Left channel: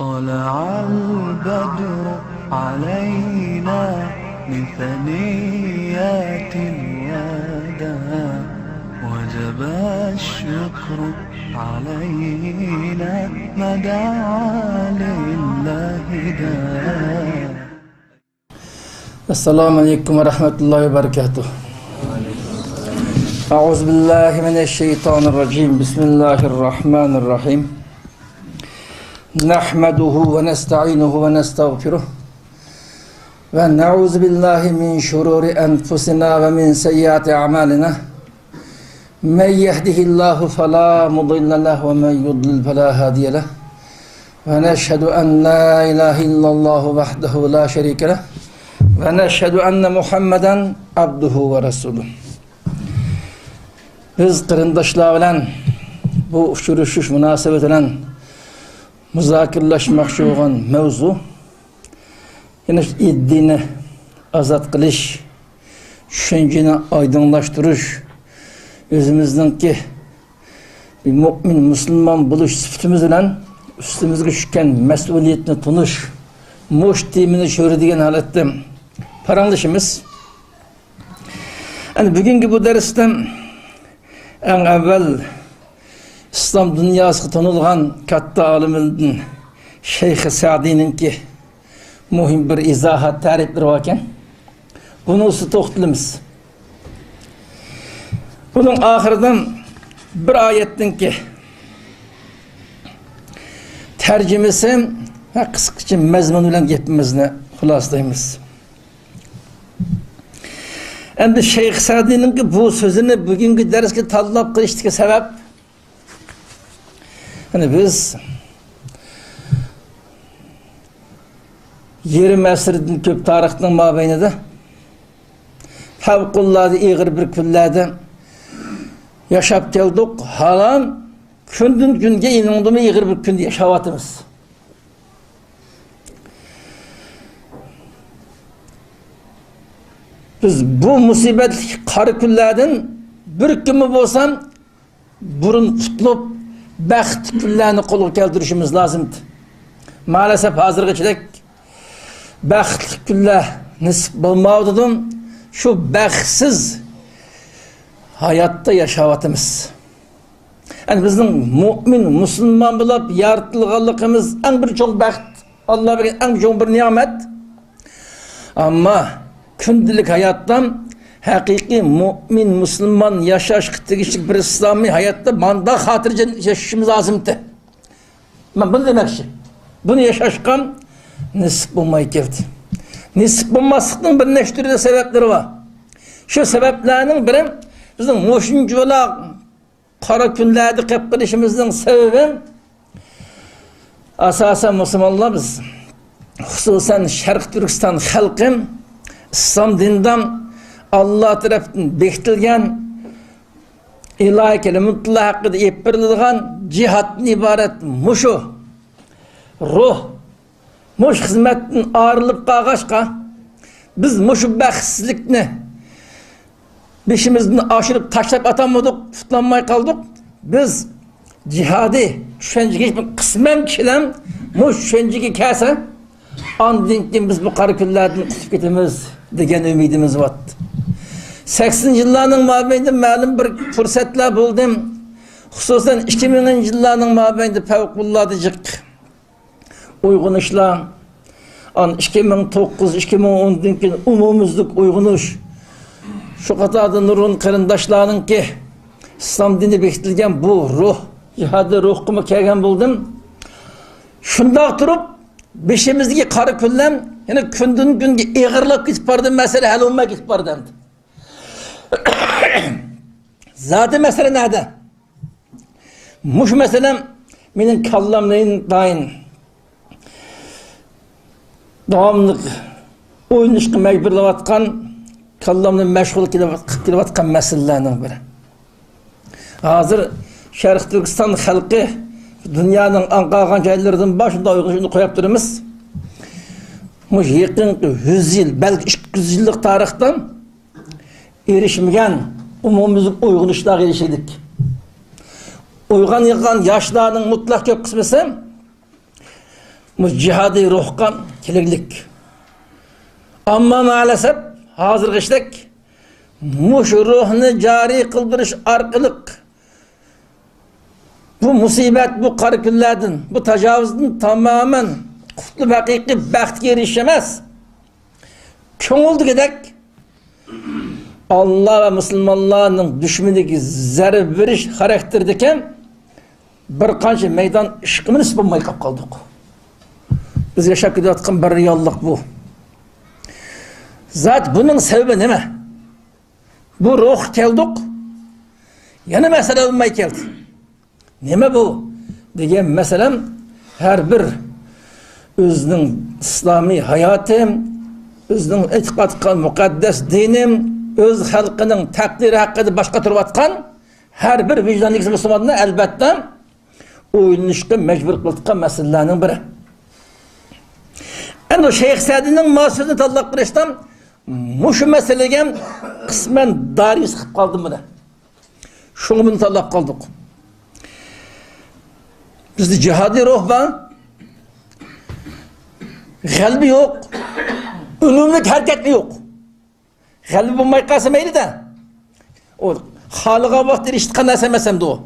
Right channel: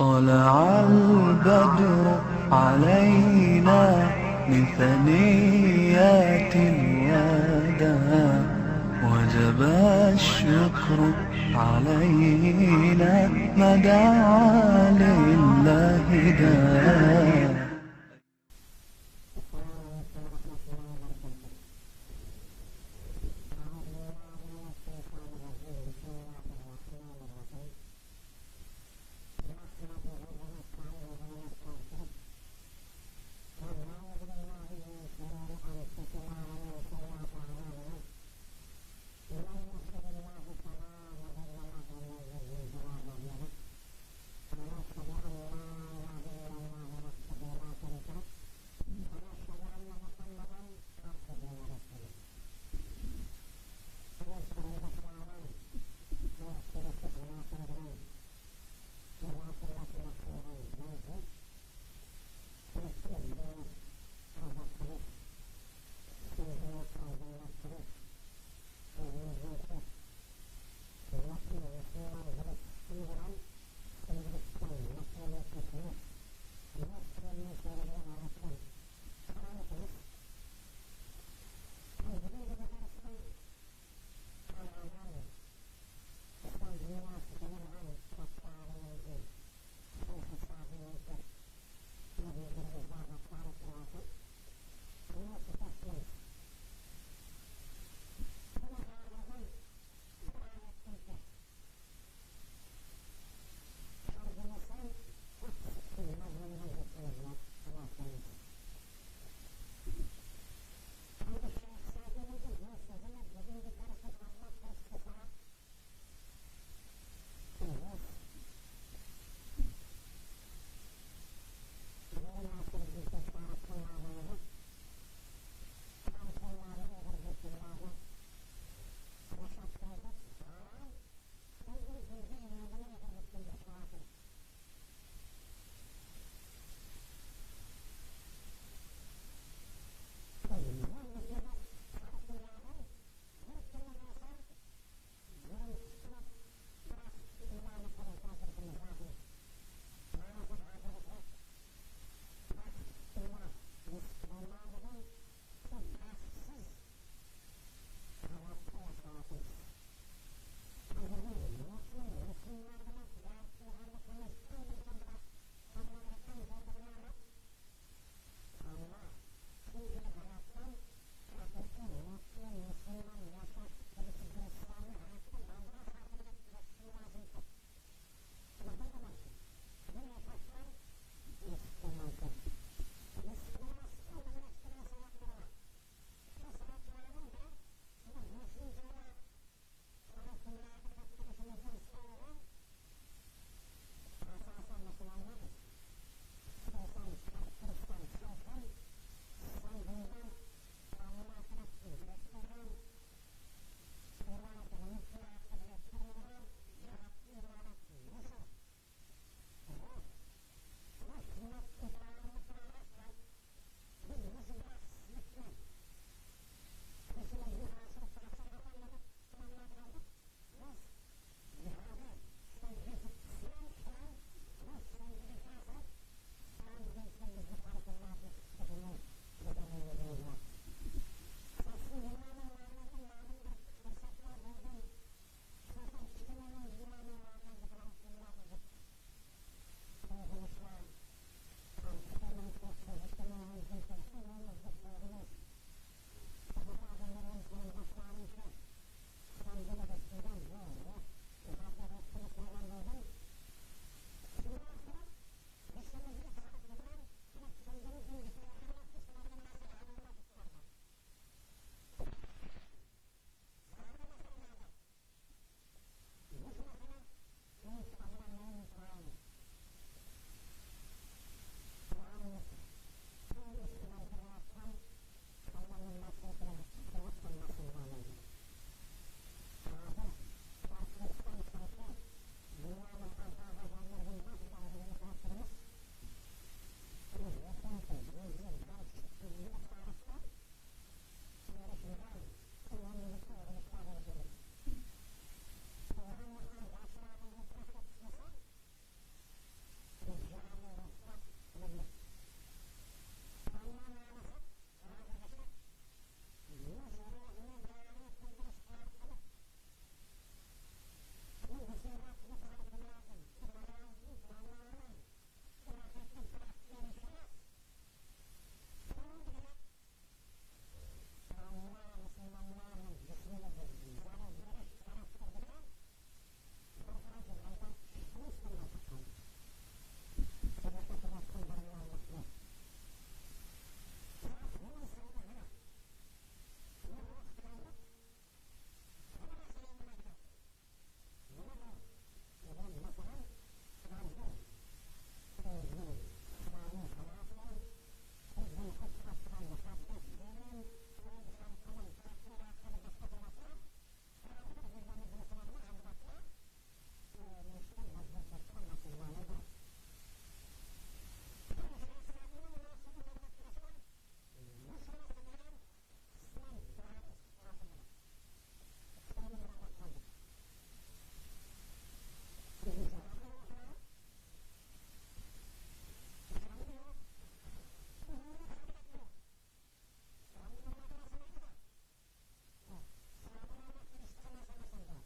طلع البدر علينا من ثنيات الوداع وجب الشكر علينا ما دعا لله داع. السلام عليكم ورحمة الله وبركاته. أعوذ بالله من الشيطان الرجيم. بسم الله الرحمن الرحيم. نحمده ونستعينه ونستغفره ونعوذ بالله من شرور أنفسنا ومن سيئات أعمالنا. من يهده الله فلا مضل له ومن يضلل فلا هادي له. ونشهد أن لا إله إلا الله وحده لا شريك له. ونشهد أن محمدا عبده ورسوله. Biz kırındaşlar bilen bu uçuruşuş münasebet bilen müzakirleşmekçi olan mevzu yine iddini azat kılış, düşünceni aydınlaştırış, özümüzdeki bir mümin, Müslüman buluş sıfatımız bilen üstümüzge düşken mesuliyetini tunuş, muş timini şöhredigen halette paranlaşımız. Yani bugünkü bu derste en evvel İslam dünyası tanılgan katta aliminin Şeyh Sa'di'nin ki muhim bir izahat tarifleri varken bunu usta toxtulumuz. Bunun ahirden bir ayetin ki tercümesi ve kısaca mezmunuyla gepimizni hulaslayımız. Endi Şeyh Sa'di'nin ki bu sözünü bugünkü derske tallap kılıştığı sebep hani biz 20 asırdan köp tarihten mabeynide fevkullade iğir bir küllerde yaşap geldik. Halan kündün günge inandım iğir bir künde yaşavatımız. Biz bu musibet karı küllerden bir kimi bolsam burun tutulup bəxt küllerini kolu keltirişimiz lazımdı. Maalesef hazırgıçılık bəxt külle nisip bulmağıdıdım. Şu bəxtsiz hayatta yaşavatımız. Yani bizim mümin, Müslüman bulup yaratılganlığımız en bir çok bəxt. Allah bilir en çok bir nimet. Ama gündelik hayattan hakiki mümin, Müslüman yaşaş kıtlıkışlık bir İslami hayatta manda hatırca yaşayışımız lazımdı. Ben bunu demek için. Bunu yaşaşkan nisip olmayı geldi. Nisip olmasının bir neştürde sebepleri var. Şu sebeplerinin biri bizim moşuncular kara günlerde kepkirişimizin sebebi asasen Müslümanlar biz hususen Şarkı Türkistan halkı İslam dininden Allah tarafından bekletilgen ilahi kelimetullah hakkında eppirilgan cihatın ibaret muşu ruh muş hizmetin ağırlıp kağaşka biz muşu bəxtsizlikni beşimizden aşırıp taşlayıp atamadık, tutlanmaya kaldık. Biz cihadi düşünceki hiçbir kısmen kişiden muş düşünceki kese andinkin biz bu kariküllerden tutup gitimiz degen ümidimiz var. 80 yıllarının mabeyinde malum bir fırsatlar buldum. Hususen 2000 yıllarının mabeyinde fevkulladicik uygun işler. 2009-2010'daki umumuzluk uygunuş. Şu kadarda nurun kırındaşlarının ki İslam dini bekletilgen bu ruh, cihadı ruh kumu kelgen buldum. Şunda durup beşimizdeki karı küllem yani kündün günge eğirlik gitip bardı mesele hal olmak gitip bardı. Zaten mesele nerede? Muş meselem benim kallamlayın dain devamlık oyunuşku mecburlavatkan kallamla meşgul kilovatkan meselelerinin biri. Hazır Şarkı Türkistan halkı dünyanın anqağan yerlerden başında uygunsunu koyup durumuz. Muş yakın 100 yıl, belki 200 yıllık tarihten erişmeyen umumumuzun uygun işler erişirdik. Uygun yıkan yaşlarının mutlak yok kısmısı cihadi ruhqa keleglik. Ama maalesef hazır işlek muş ruhunu cari kıldırış arkalık bu musibet, bu qarı günlerden, bu tecavüzün tamamen kutlu hakiki bəxtge erişemez. Köngüldü gedek Allah ve Müslümanların düşmanındaki zerre veriş karakterdeken bir kanca meydan işkimini sıpılmayı kap kaldık. Biz yaşap gidiyorken bir reallık bu. Zat bunun sebebi ne? Bu ruh geldik, yana mesele olmaya geldi. Neme bu? Degen meselem her bir özünün İslami hayatım, özünün etiqadqa mukaddes dinim, öz halkının takdiri hakkında başka türlü atkan her bir vicdanlı Müslümanına elbette oyunuşqa mecbur kıldıqqa meselelerinin biri. Yani o Şeyh Sa'di'nin mahsuzunu tallaq birişten muşu meselegen kısmen dari sıkıp kaldım bile. Şunu bunu tallaq kaldık. Bizde cihadi ruh var, kalbi yok, ünümlük hareket yok. Kalbi bulmayı kasımaydı da, o halığa vakti eriştiğen esemesem de o.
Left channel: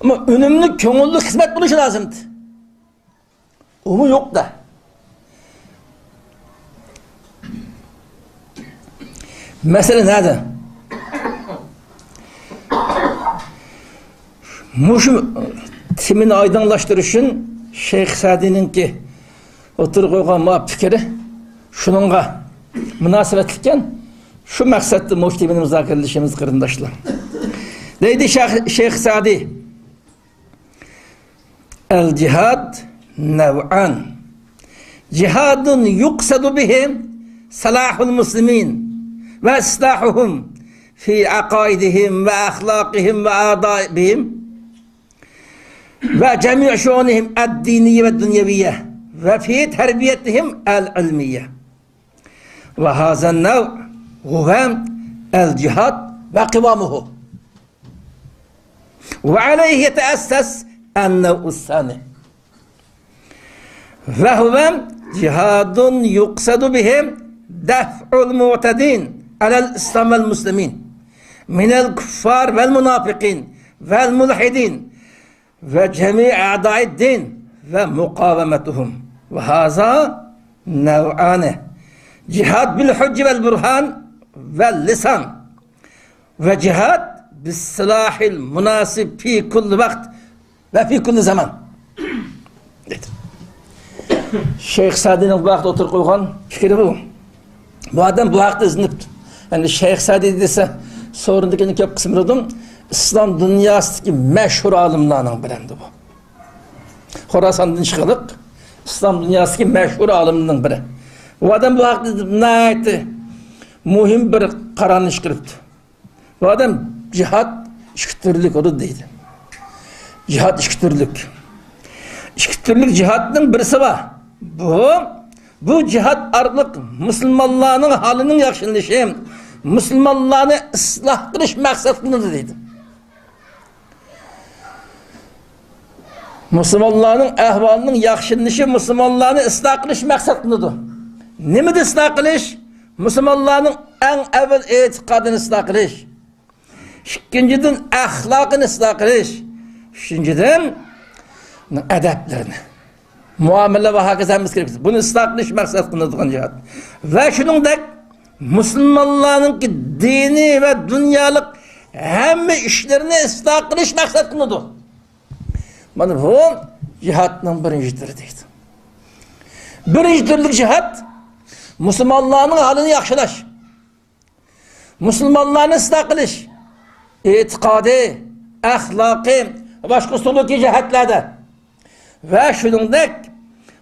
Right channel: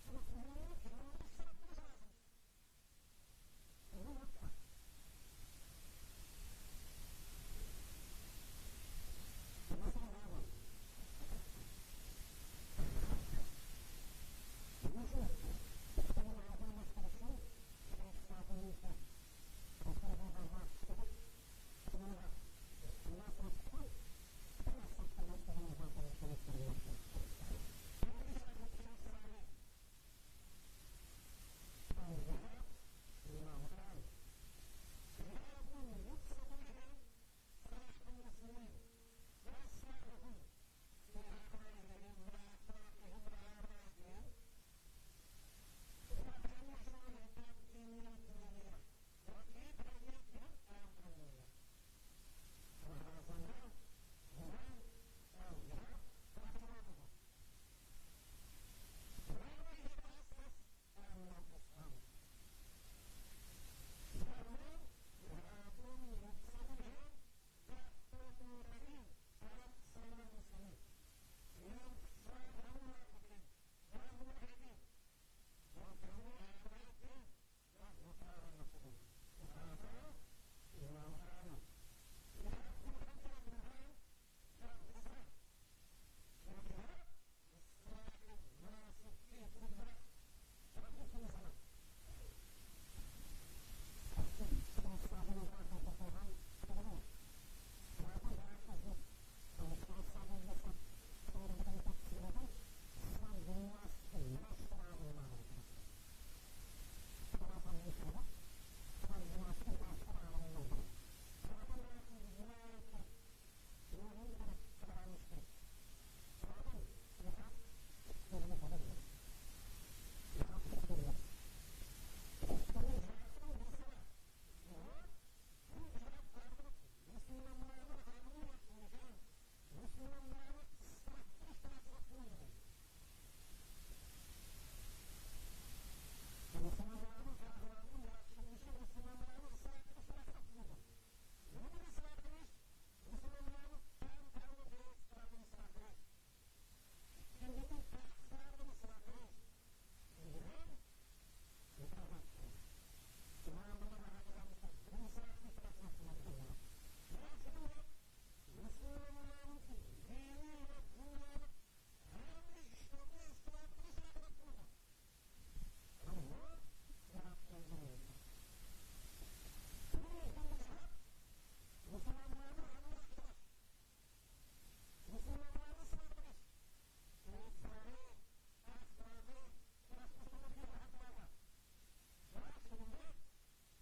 Ama ünümlük, köngüllük hizmet buluşu lazımdı. O mu yok da. Mesele nerede? Muşum timini aydınlaştırışın Şeyh Sa'di'nin ki oturup koygan ma fikri şununla münasebetliken şu maksatlı muş timini müzakereleşimiz kırındaşlar. Neydi Şeyh Sa'di? El cihad nev'an. Cihadun yuksadu bihim salahul muslimin ve islahuhum fi akaidihim ve ahlakihim ve adaibihim ve cemi' şu'unihim ad-diniye ve dünyeviye ve fi terbiyetihim el-ilmiye ve hazen nev huvem el-cihad ve kıvamuhu ve aleyhi yeteesses en-nev'us-sani ve huvem cihadun yuksadu bihim def'ul mu'tedin alel İslam vel muslimin minel kuffar vel munafikin vel mulhidin ve cemi' a'daid din ve mukavemetuhum ve haza nev'ane cihad bil hücc vel burhan vel lisan ve cihad bis silahil münasib fi kulli vakt ve fi kulli zaman. Şeyh Sa'di'nin bu vakti oturup koygan fikri bu. Bu adam bu vakti izinipti. Yani Şeyh Sa'di dese sorundakini köp kısmı dedim. İslam dünyasındaki meşhur alimlerinin biriydi bu. Horasan'dan çıkılık İslam dünyasındaki meşhur alimlerinin biri. Bu adam bu vakti ne etti? Muhim bir kararını çıkarıptı. Bu adam cihad işkütürlük onu deydi. Cihad işkütürlük. İşkütürlük cihadının birisi var. Bu cihad arlık Müslümanların halinin yakşınlışı, Müslümanlarını ıslah kılış maksatlıdır deydi. Müslümanların ahvalının yakşınlışı, Müslümanlarını ıslah kılış maksatlıdır. Ne mi de ıslah kılış? Müslümanların en evvel etikadını ıslah kılış. İkinciden ahlakını ıslah kılış. Üçüncüden edeplerini. Muamele ve hakizemiz gerekir. Bunu ıslah kılış maksatlıdır cihad. Ve şunun da Müslümanların ki dini ve dünyalık hem işlerini ıslah kılış maksatlıdır. Bana bu cihadın birinci türü deydi. Birinci türlük cihad Müslümanların halini yakşılaş. Müslümanların ıslah kılış. İtikadi, ahlaki, başka suluki cihetlerde. Ve şunun da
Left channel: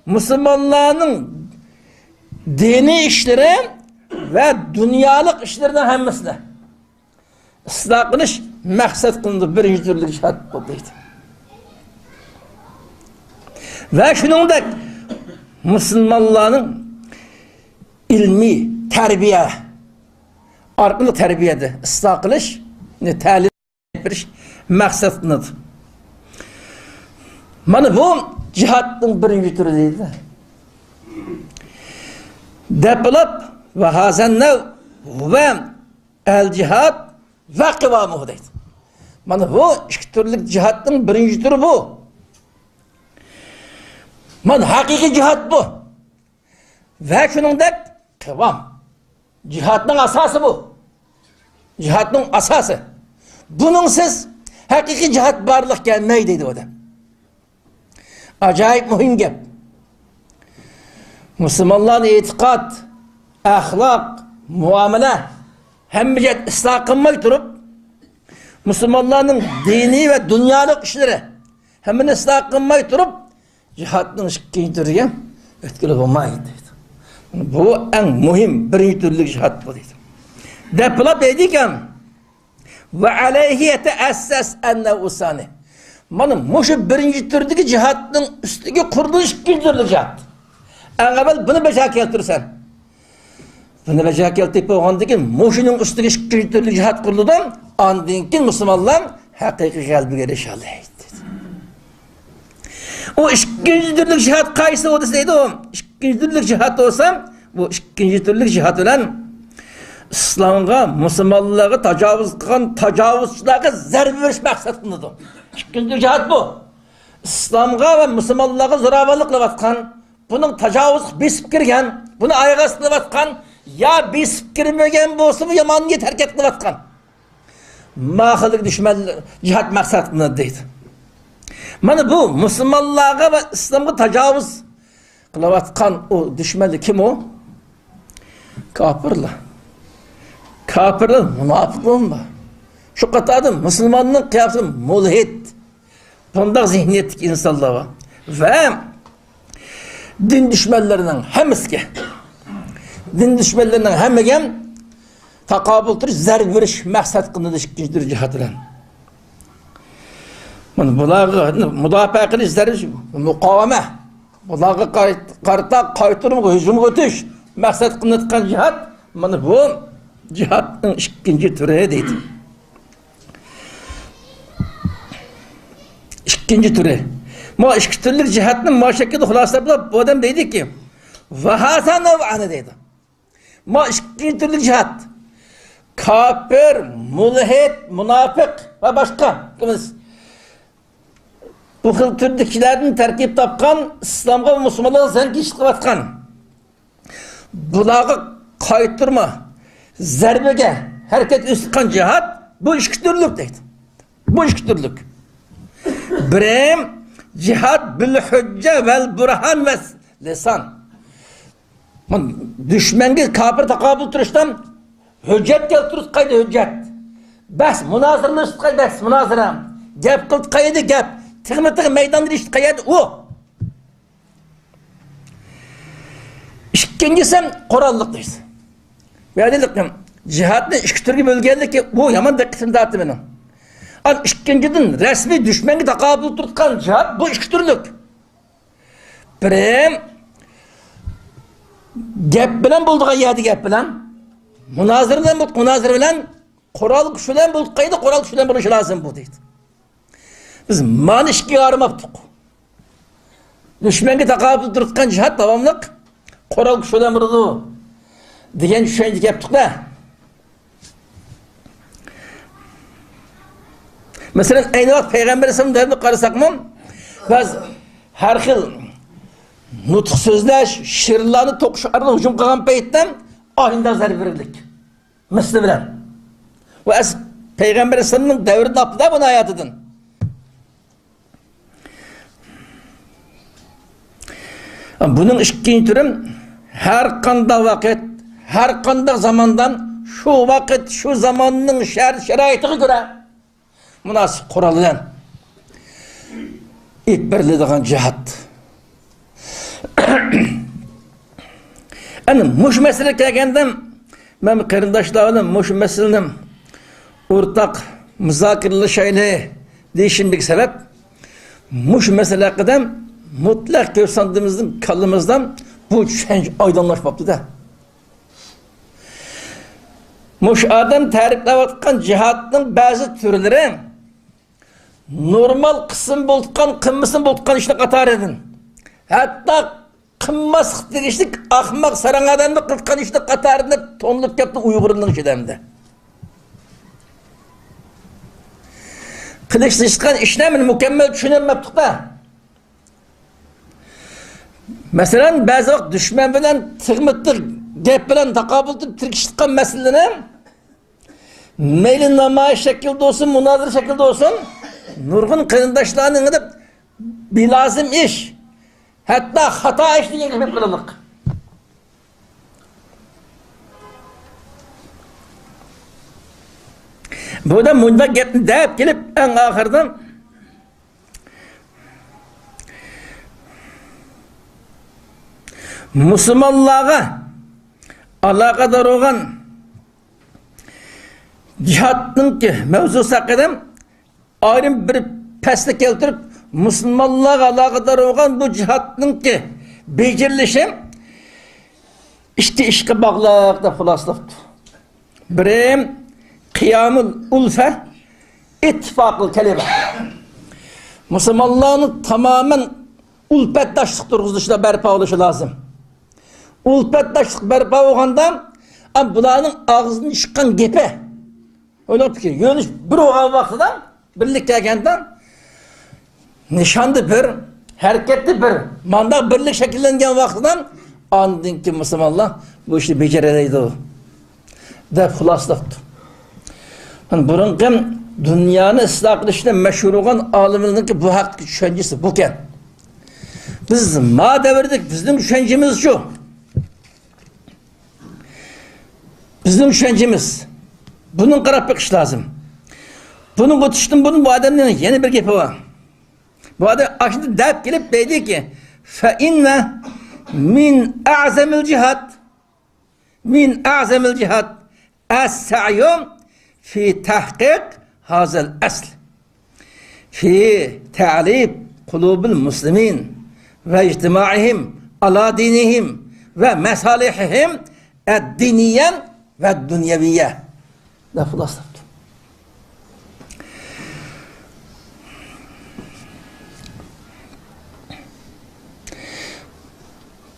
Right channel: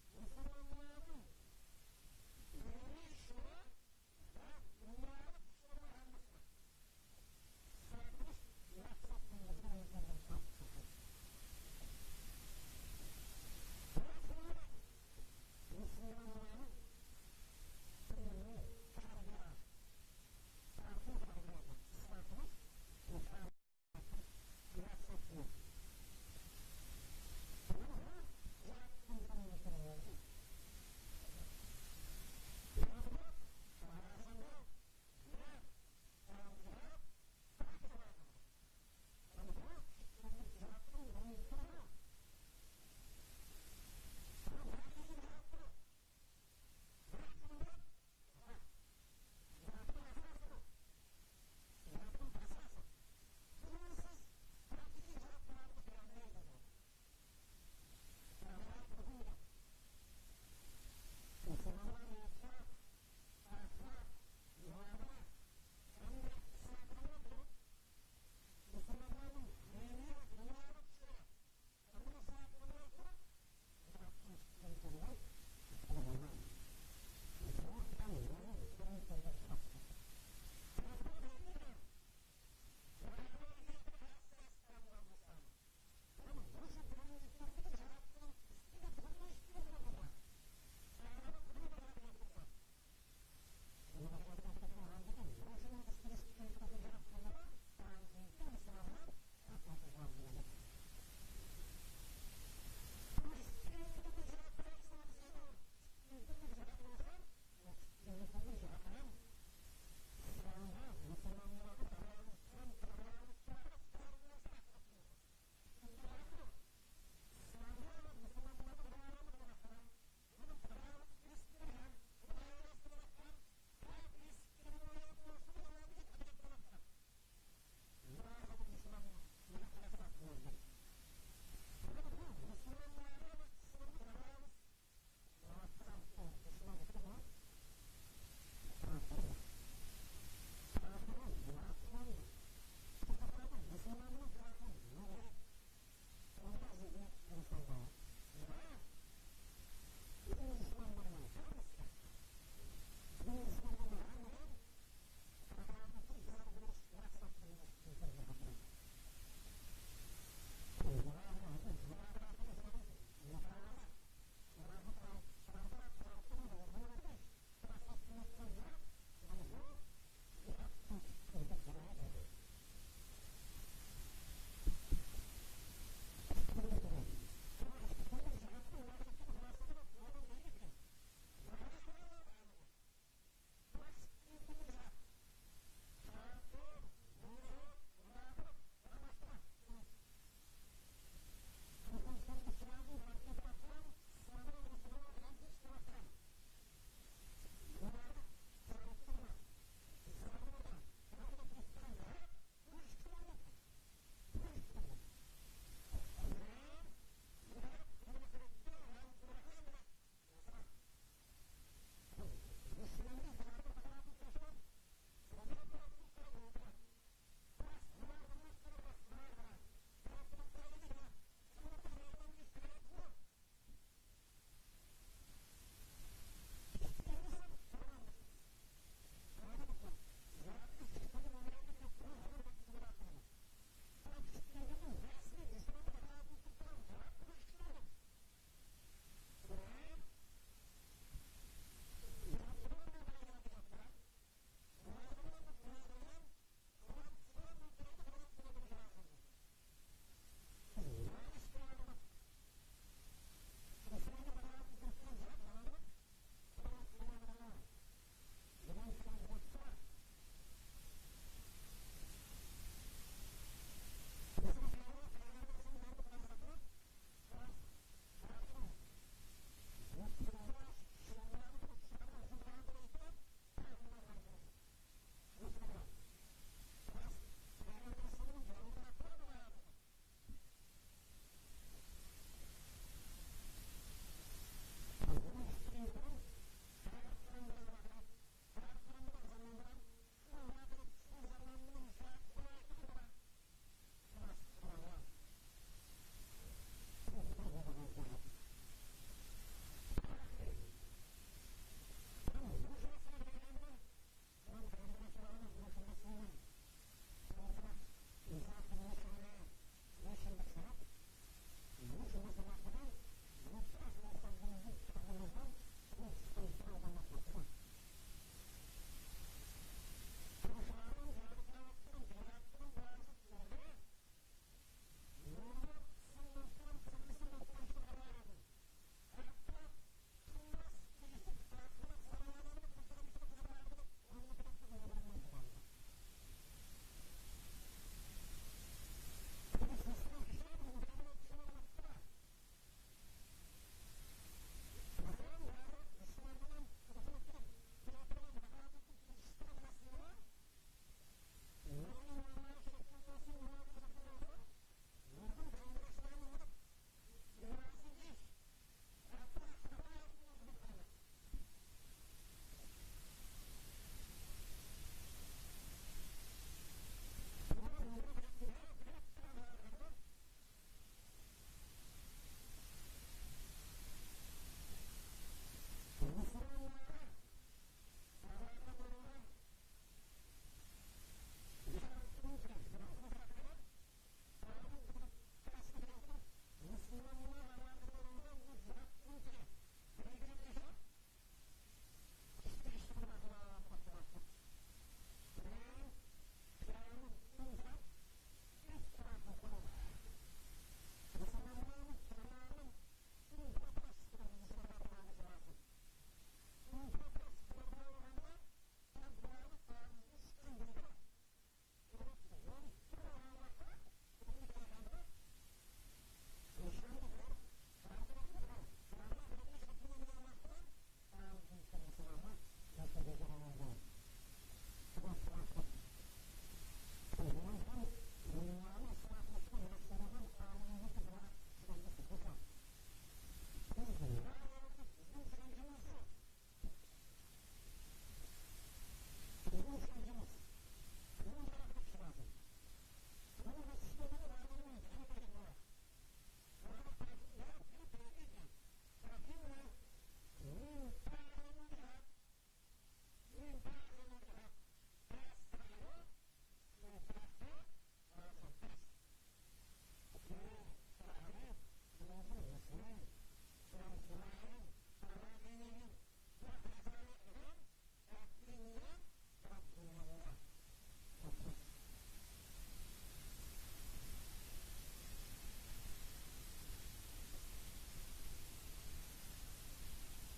Müslümanların dini işleri ve dünyalık işlerden hemmisine ıslah kılış maksat kılındı. Birinci türlük cihad bu deydi. Ve şunun da Müslümanların ilmi, terbiye, arkalı terbiyede ıslah kılış, talim etmiş maksatındadır. Mana bu cihatın birinci türü deydi. Depolab ve hazennev ve el cihat ve kıvamuhu deydi. Mana bu iki türlük cihatın birinci türü bu. Mana hakiki cihat bu. Ve şunundek kıvam. Cihatın asası bu. Cihatın asası. Bunun siz hakiki cihat barlık gelmeyi dedi o da. Acayip mühim gep. Müslümanların itikat, ahlak, muamele hemmice ıslah kılmayı durup Müslümanların dini ve dünyalık işleri hemen ıslah kılmayı durup cihatın ikinci türüye etkili olmayı dedi. Bu en mühim birinci türlü cihat bu dedi. Depolab dedikken ve aleyhi yeteesses enne usani. Mana şu birinci türdeki cihatın üstüge kuruluş ikinci türlü cihat. En evvel bunu beca keltirsen. Bunu beca keltirip oğandaki şunun üstüge ikinci türlü cihat kuruludan andinkin Müslümanlar hakiki kalbi erişalıydı. O ikinci türlü cihat kaysı o deseydi o. İkinci türlü cihat olsa bu ikinci türlü cihat olan İslam'a, Müslümanlığa tecavüz kılan tecavüzçilere zerbe veriş maksatındadır. İkinci cihat bu. İslam'a ve Müslümanlığa zoravarlıkla vatkan, bunun tecavüz besip girgen, bunu aygasına vatkan, ya besip girmegen bolsa bu yamanlığı terk etine vatkan. Mahılık düşman cihat maksatındadır deydi. Mana bu Müslümanlığa ve İslam'a tecavüz kılavatkan o düşmanı kim o? Kafirler. Kafirler münafıklığın var. Şu katada Müslümanın kıyafeti mulhid. Bunda zihniyetlik insanlar var. Ve din düşmanlarının hemisi din düşmanlarının hemegen takabültür zerb veriş maksat kılınır ikinci cihat ile. Bunlar müdafaa kılış zerb mukaveme. Bunlar kaytırım hücum ötüş maksat kılınır cihat. Mana bu cihatın ikinci türü deydi. İkinci türü. Ma ikinci türlü cihatın maşakkatı hulasabla bu adam deydi ki ve hasan nev'anı deydi. Ma ikinci türlü cihat kafir, mulhid, münafık ve başka bu xil türdekilerden terkip tapkan İslam'a ve Müslümanlığa sen kişilik vatkan bulağı kayıttırma zerbege hareket üstkan cihat bu iki türlük deydi. Bu iki türlük. Birim cihat bil hücce vel burhan ve lisan. Düşmenge kafir takabül turuştan hüccet keltirip kaydı hüccet. Bas münazırlı kaydı bas münazıra. Gep kıldı kaydı gep. Tıkmı meydanları işte kaydı o. İkincisi korallık deydi. Ve dedik ki cihatın iki türlü bölgelik ki bu yaman dikkatini dağıttı benim. An ikinciden resmi düşmanı takabül tutkan cihat bu iki türlük. Birim gep bilen bulduğu yedi gep bilen münazır bilen bulduk münazır bilen koral kuşulen bulduk kaydı koral kuşulen buluşu lazım bu deydi. Biz manişki armaptık. Düşmanı takabül tutkan cihat devamlık koral kuşulen buldu. Diyen düşünce yaptık da. Mesela aynı vakit Peygamber Efendimiz'e karısak mı? Biz her xil nutuk sözleş, şiirlerini tokuşarına hücum kılan peyitten ahinde zerb verirdik. Misli bilen. Ve es Peygamber Efendimiz'in devrinde yaptı da bunu hayatıdın. Bunun ikinci türüm her kanda vakit, her kanda zamandan şu vakit, şu zamanın şeraitine göre münasip kuralıdan ilk birliğin cihat. Yani muş mesele kelgenden ben karındaşlarım muş meselenin ortak müzakirli şeyle değişimlik sebep muş mesele kadar mutlak görsandığımızın kalımızdan bu düşünce aydınlaşmaptı da. Muş adam tarifle vatkan cihatın bazı türleri normal qism bo'lgan, qimmasin bo'lgan ishni qatar edin. Hatto qimmas tegishlik ahmoq sarang odamni qilgan ishni qatarida tonlib ketdi Uyg'urning ichidamda. Qilishgan ishni men mukammal tushunolmabdi-da. Masalan, ba'zi vaqt dushman bilan tig'mitli gap bilan taqobil tirkishgan masalani mayli namoyish shaklida olsun, munozara shaklida olsun, nurg'un qarindoshlarning deb bilozim ish, hatto xato ish degan gap qilinlik. Bu da bunda gapni deb kelib, eng oxirida musulmonlarga aloqador bo'lgan cihatnınki mevzusu hakkında ayrım bir pesle keltirip Müslümanlığa alakadar olan bu cihatnınki becerilişim işte işe bağlılıkta fılaslaftı. Birim kıyamul ulfe ittifaklı kelime. Müslümanlığın tamamen ulpetdaşlık durguzuşuna berpa oluşu lazım. Ulpetdaşlık berpa olğanda bunların ağzını çıkan gepe öyle fikir. Yönüş bir oğan vaxtıdan, birlik gelgenden nişandı bir, hareketli bir, manda birlik şekillengen vaxtıdan andın ki Müslümanlar bu işi becereliydi o. De fılaslaftı. Bunun hem dünyanın ıslah kılışına meşhur olan aliminin ki bu hak düşüncesi buken. Biz ma devirdik, bizim düşüncemiz şu. Bizim düşüncemiz. Bunun qarab bakış lazım. Bunun ötüştüm, bunun bu adamın yeni bir gepi var. Bu adam aşında dep gelip dedi ki فَاِنَّ min a'zemil cihat es-sa'yum fi tahkik hazel asl fi ta'lib kulubil muslimin ve ictimaihim ala dinihim ve mesalihihim ed-diniyen ve dünyeviyye. Lafı lafı.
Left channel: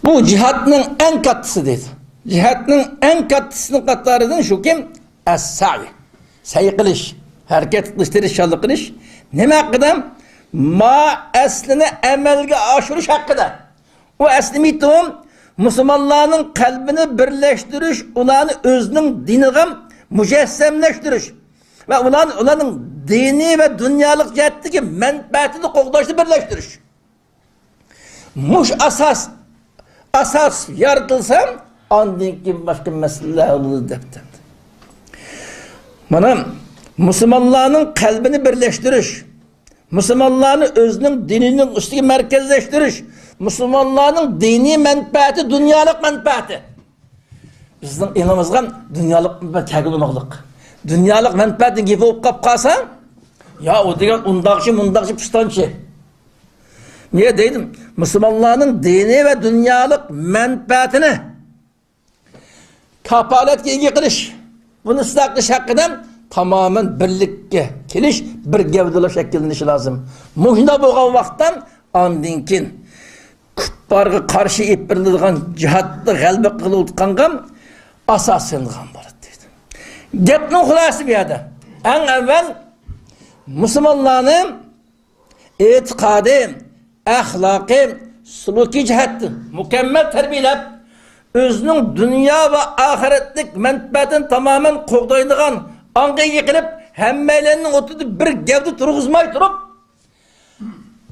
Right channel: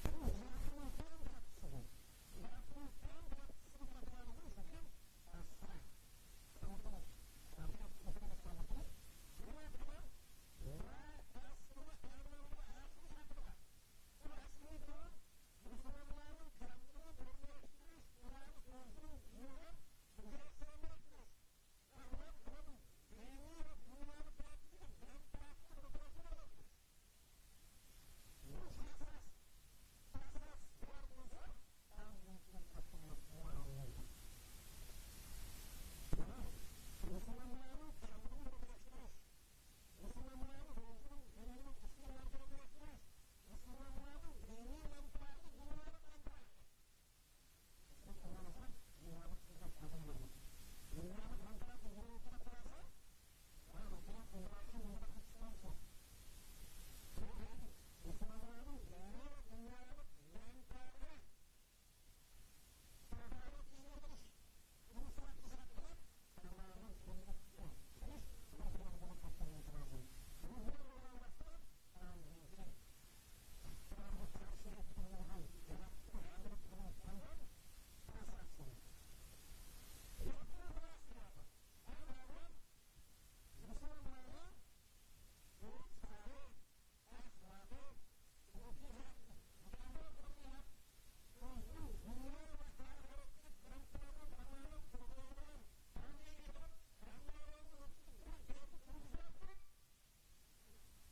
Bu cihatının en katısı dedi. Cihatının en katısının katlarından şu kim? Es-sa'i. Sayı kılış. Hareket kılış, tirişallı kılış. Ne hakkında? Ma eslini emelge aşırış hakkında. O esli mitom Müslümanların kalbini birleştiriş, onların özünün dinine mücessemleştiriş ve onların dini ve dünyalık cihetteki menfaatini kokdaşlı birleştiriş. Muş asas yaratılsam andın ki başka meseleler olur deptem. Bana Müslümanların kalbini birleştiriş, Müslümanların özünün dininin üstüne merkezleştiriş, Müslümanların dini menfaati, dünyalık menfaati. Bizden inanımızdan dünyalık menfaati kagılmalık. Dünyalık menfaatin gibi olup kapkasa, ya o diyen undakçı pistançı. Niye dedim? Müslümanların dini ve dünyalık menfaatini kapalet giygi kılış. Bunu ıslaklış hakkından tamamen birlikte keliş, bir gevdeli şekillenişi lazım. Muhina boğan vaktan andinkin küpparga karşı ipirliğin cihatlı galbe kılıutkangan asasınlıgan barıd dedi. Gepnin hulası bir yerde. En evvel Müslümanların etiqadı, ahlakı, suluki cihattı mükemmel terbiyelep özünün dünya ve ahiretlik menfaatini tamamen kokdaydıgan anga yıkılıp hemmelerinin oturup bir gevdi turguzmay durup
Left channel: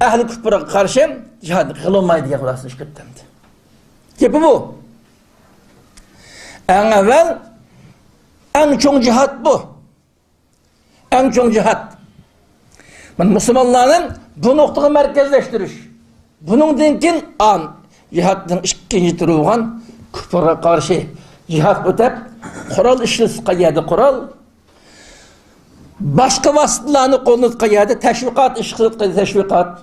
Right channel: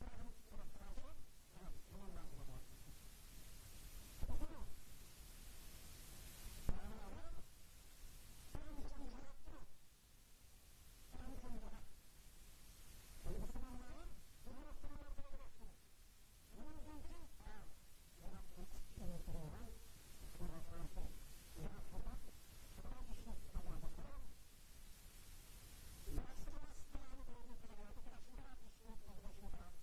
ehli küfre karşı cihad kılınmaydı diye kulasını şirketlendi. Gibi bu. En evvel en çok cihat bu. En çok cihat. Müslümanların bu noktayı merkezleştiriş. Bunun dinkin an cihatın ikinci türü olan küfre karşı cihat ötep kural işlesi kaydı kural. Başka vasıtalarını kolunu kaydı teşvikat işkısat kaydı teşvikat.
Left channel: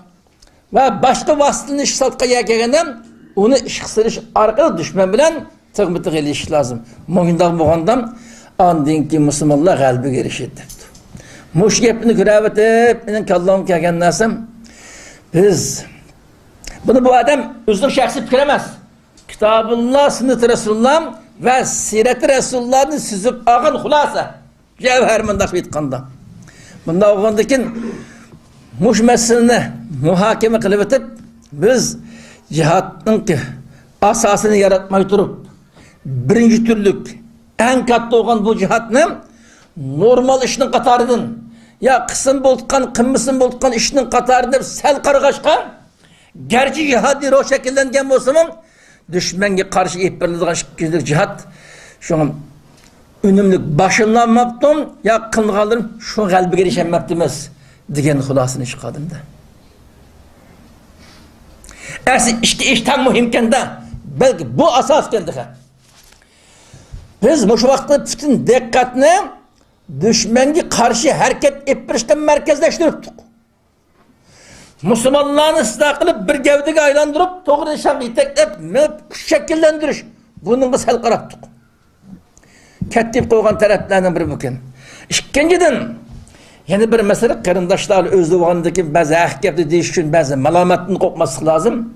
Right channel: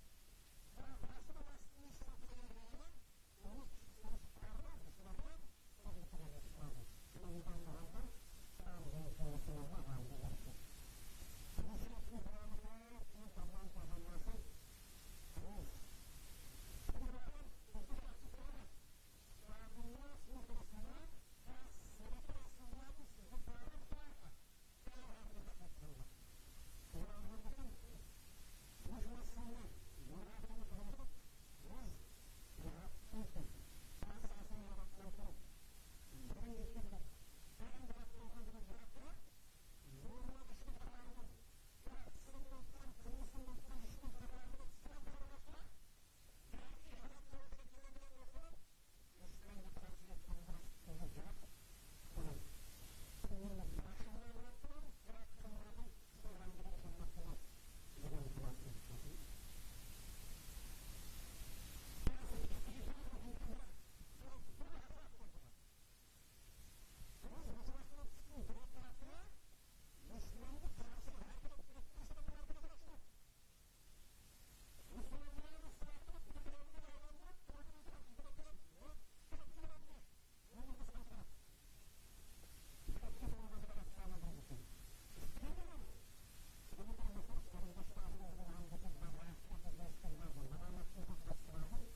Ve başka vasıtanın işkısat kaydı gelenden onu işkısırış arkalı düşman bilen tığmıtık eliş lazım. Muhindağ muhandam andinki Müslümanlar kalbi gelişirdi. Muş gepini görüp benim kallamı kelgen narsam biz bunu bu adam özgür şahsi fikir emas. Kitabullah, sünnet-i Resulullah ve siret-i Resulullah'ın süzüp ağın hulasa. Cevher mındak aytkanda. Bunda oğandakin muş meselini muhakeme kılıp etip biz cihatın ki asasını yaratmayı durup birinci türlük en katlı olan bu cihatını normal işinin katarıdın ya kısım boltkan, kımmısın boltkan işinin katarıdır sel kargaşkan gerçi cihadir o şekillengen bolsunun düşmenge karşı ihbarlıdığın şekillik cihat şu an ünümlük başınlanmaptım ya kılgalırım şu kalbi gelişenmeptimiz diyen hulasını çıkardım da. Ersi işte işten muhimken de belki bu asas geldik. Biz bu şu vakti bütün dikkatini düşmenge karşı hareket ettirişten merkezleştiriptik. Müslümanlarını ıslah kılıp bir gevdeki aylandırıp doğru nişan iteklep şekillendiriş. Bunun biz hal qaraptık. Kettip koygan taraflarından biri bugün. İkinciden yani bir mesele karındaşlar özlü oğandaki bazı ahkepli deyiş için bazı malamatını kokması lazım.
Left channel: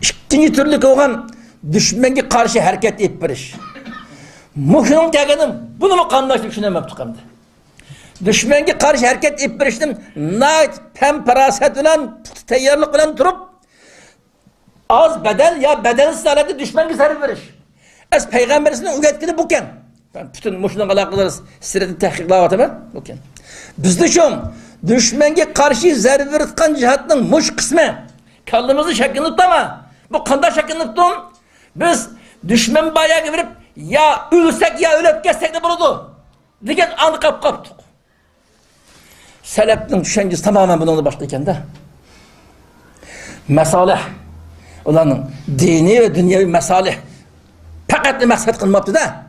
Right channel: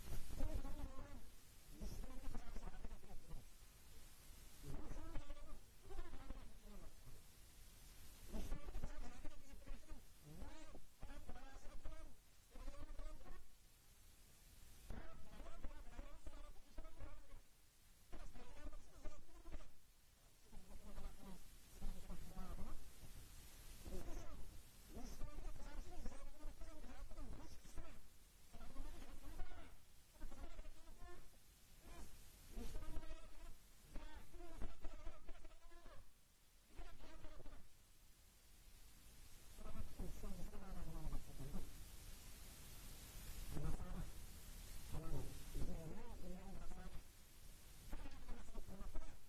İkinci türlü koygan düşmenge karşı hareket ettiriş. Muhim gelgenim bunu mu kanlaştık düşünemeptik hem de. Düşmenge karşı hareket ettiriştim nait pemperaset bilen teyyarlık bilen durup az bedel ya bedelsiz halde düşmenge sarı veriş. Es peygamberisinin üyetkini buken. Ben bütün muşunun alakaları sireti tehkiklavatı ben buken. Biz düşün düşmenge karşı zarı veritkan cihatının muş kısmı kallımızı şeklini tutama. Bu kanda şeklini tuttum. Biz düşman bayağı verip ya ölsek ya ölüp geçsek de buludu. Diyen anı kaptık. Selep'nin düşüncesi tamamen bununla başlayken de. Mesalih. Olanın dini ve dünyevi mesalih. Fakat maksat kılmaptı da.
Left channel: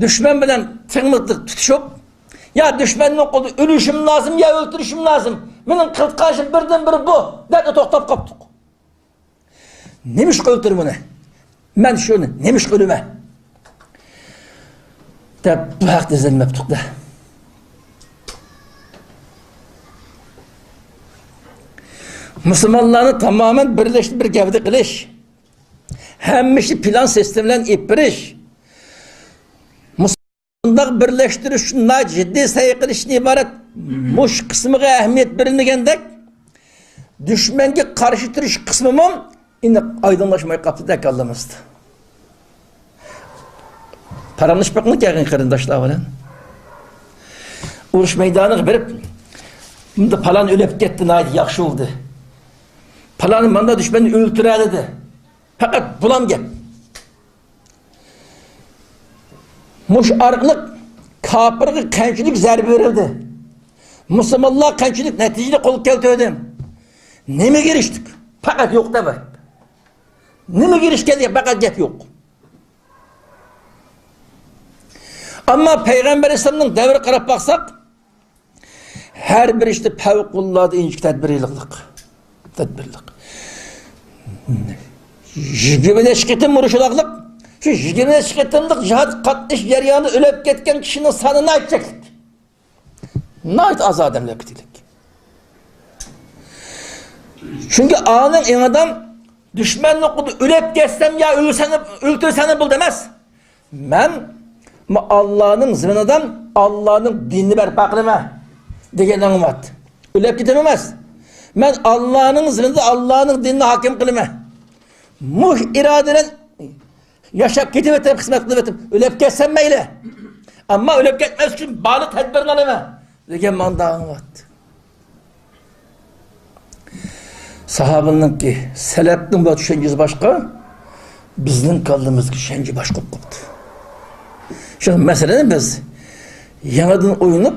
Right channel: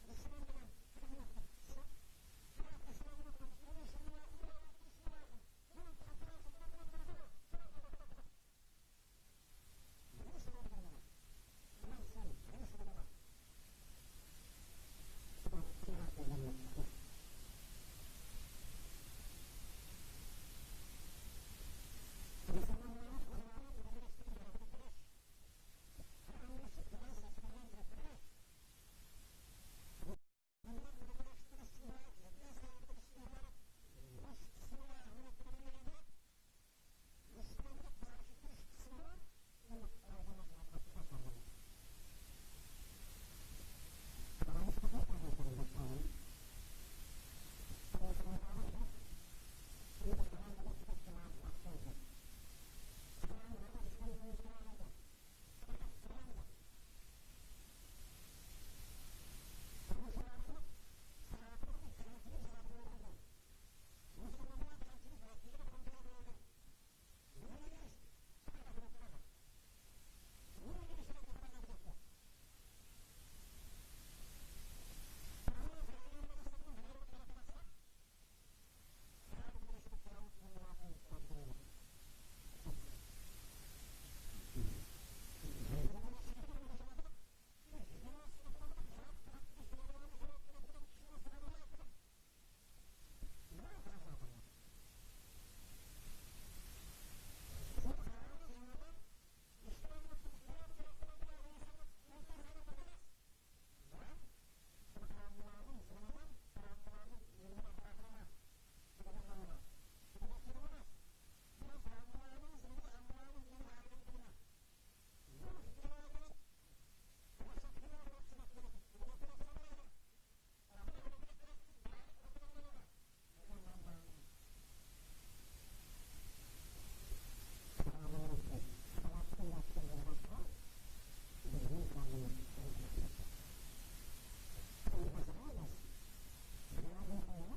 Düşman bilen tırmıklık tutuşup ya düşmanın kolu ölüşüm lazım ya öldürüşüm lazım. Benim kıltkaşım birden biri bu. Derdi toktap kaptık. Nemiş öldürüm onu? Ben şunu nemiş ölüme? De bu hak dizilmeptik de. Müslümanlarını tamamen birleşti bir gevde kılış. Hemmişi plan sistemlen ipiriş. Müslümanlar birleştiriş şunlar ciddi sayı kılışın ibaret. Muş kısmına ehemmiyet verilmegendek düşmenge karşı duruş kısmımın yine aydınlaşmayı kaptıda kallamızdı. Paranış bakmak yakın karındaşlar var. Uruş meydanı verip şimdi falan ölüp gitti naydı yakşı oldu. Palanın bana düşmeni öldüreledi. Fakat bulam gel. Muş arılık kapırgı kençilik zerbi verildi. Müslümanlar kençilik neticeli kol keltöydüm. Ne mi giriştik? Fakat yok da var. Ne mi giriş geldi? Fakat gep yok. Ama Peygamber Aleyhisselam'ın devri qarab baksak her bir işte fevkullade inçik tedbirlilik. Jigimine şiketim vuruşulaklık. Şu jigimine şiketimlik cihat katliş yaryanı ölüp ketken kişinin sanını aytacaklık. Nait az adamla kitilik. Çünkü anın en adam düşmanlık kudu ölüp geçsem ya öldürseni bul demez. Ben Allah'ın zımınından Allah'ın dinini berpa kılıma degen anımat. Ölüp gitememez. Ben Allah'ın zımında Allah'ın dinini hakim kılıma. Muh iradenen yaşap gitip kısmet kılıp ölüp geçsem meyle. Ama ölüp gitmez için bağlı tedbirini alıma degen manda anımat. Sahabanın ki selepnin bu düşüncesi başka, bizden kaldığımız düşünce başka oldu. Şimdi meselenin biz yanadan oynup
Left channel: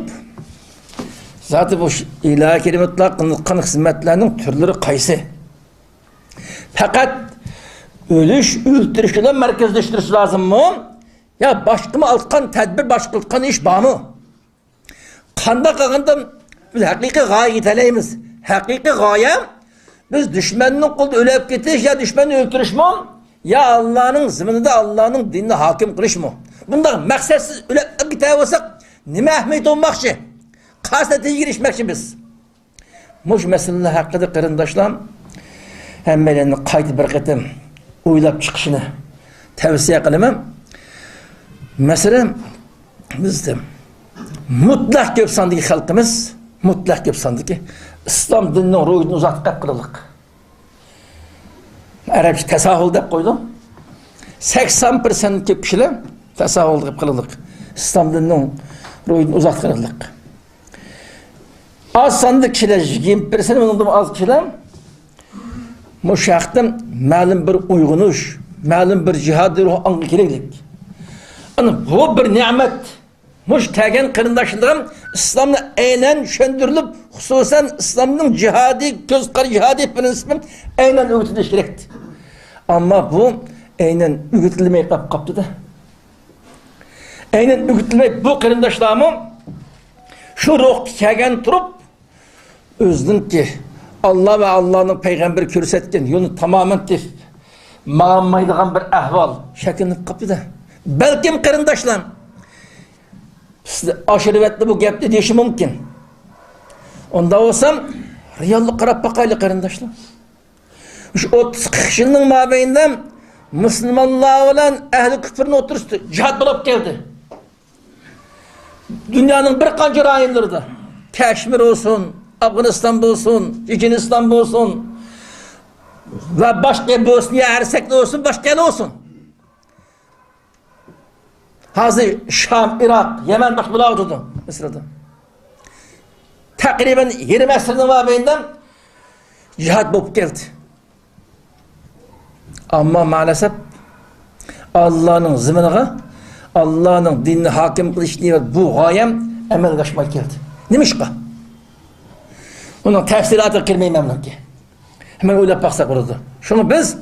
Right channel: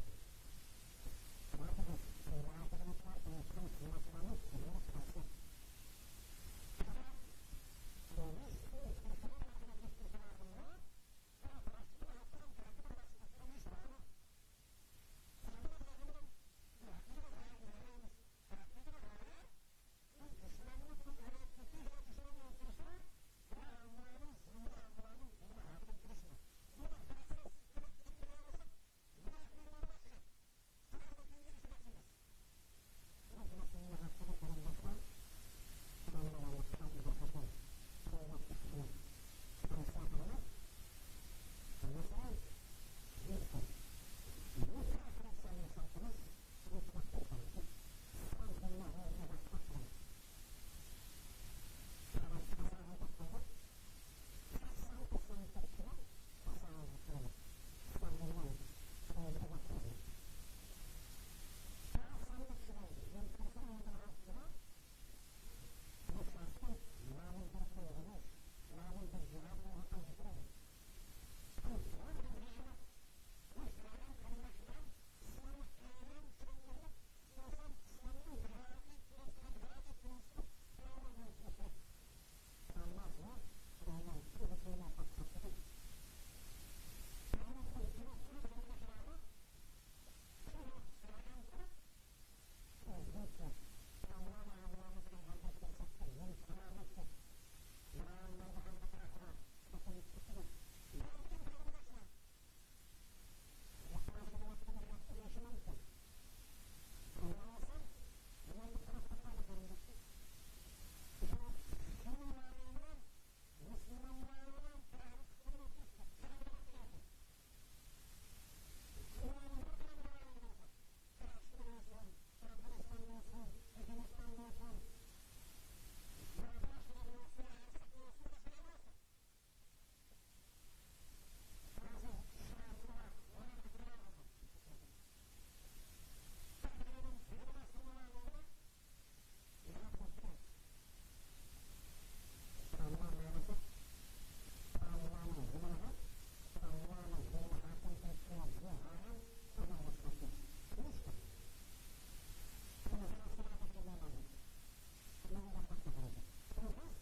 zaten bu ilahi kelimetler kanık hizmetlerinin türleri kaysı. Fakat ölüş, öldürüşle merkezleştirisi lazım mı? Ya başka mı altkan tedbir, başka altkan iş bağ mı? Kanda kalkandan biz hakiki gaye giteleyimiz. Hakiki gaye biz düşmanın kulu ölüp getiş ya düşmanı öldürüş mü? Ya Allah'ın zımınında Allah'ın dinine hakim kılış mı? Bundan maksatsız ölüp giteye olsak nime ahmet olmakçı? kasnetiye girişmekçi biz. Muş meseleler hakkında kırındaşlar hemmelerini kaydı bir kıtım uylap çıkışını tavsiye kılamam. Mesela bizde mutlak köp sandığı halkımız, mutlak köp sandığı İslam dininin ruhunu uzatıp kırılık. Arapça tesahül deyip koydum. 80% köp kişiler tesahül deyip kırılık. İslam dininin ruhunu uzatıp kırılık. Az sandık kişiler, 20% ondan az kişiler müşahittim, malum bir uygunuş, malum bir cihadı ruhu angeliklik. Ana bu bir nimet. Muş tegen kırındaşlığım İslam'la aynen şöndürülüp, hususen İslam'ın cihadi, gözkar cihadi prensibim aynen öğütülüş gerekti. Ama bu aynen öğütülmeyi kaptı da. Aynen öğütülmeyi bu kırındaşlığımı şu ruh tegen turup, özünün ki Allah ve Allah'ın peygamberi körsetken yolu tamamen tif, mağanmaydıgan bir ahval şeklini kaptı da. Belki kırındaşlar aşiretli bu gepte deyişi mümkün. Onda olsam riyallık qarab bakaylı kırındaşlar. Şu 30-40 yılın mabeyinden Müslümanlar olan ehli küfrün oturuştu. Cihad bulup geldi. Dünyanın bir kanca rayonlarında Keşmir olsun, Afganistan olsun, Çeçenistan olsun ve başka Bosniya Hersek'te olsun, başka yer olsun. Hazır Şam, Irak, Yemen başbula oturdu Mısır'da. Takriben 20 asırın mabeyinden cihad bulup geldi. Ama maalesef Allah'ın zımınıga, Allah'ın dinini hakim kılış diye bu gayem emel kaçmak geldi. Neymiş ki? Onun tefsiratı kirmeyi memnun ki. Hemen öyle baksak olurdu. Şunu biz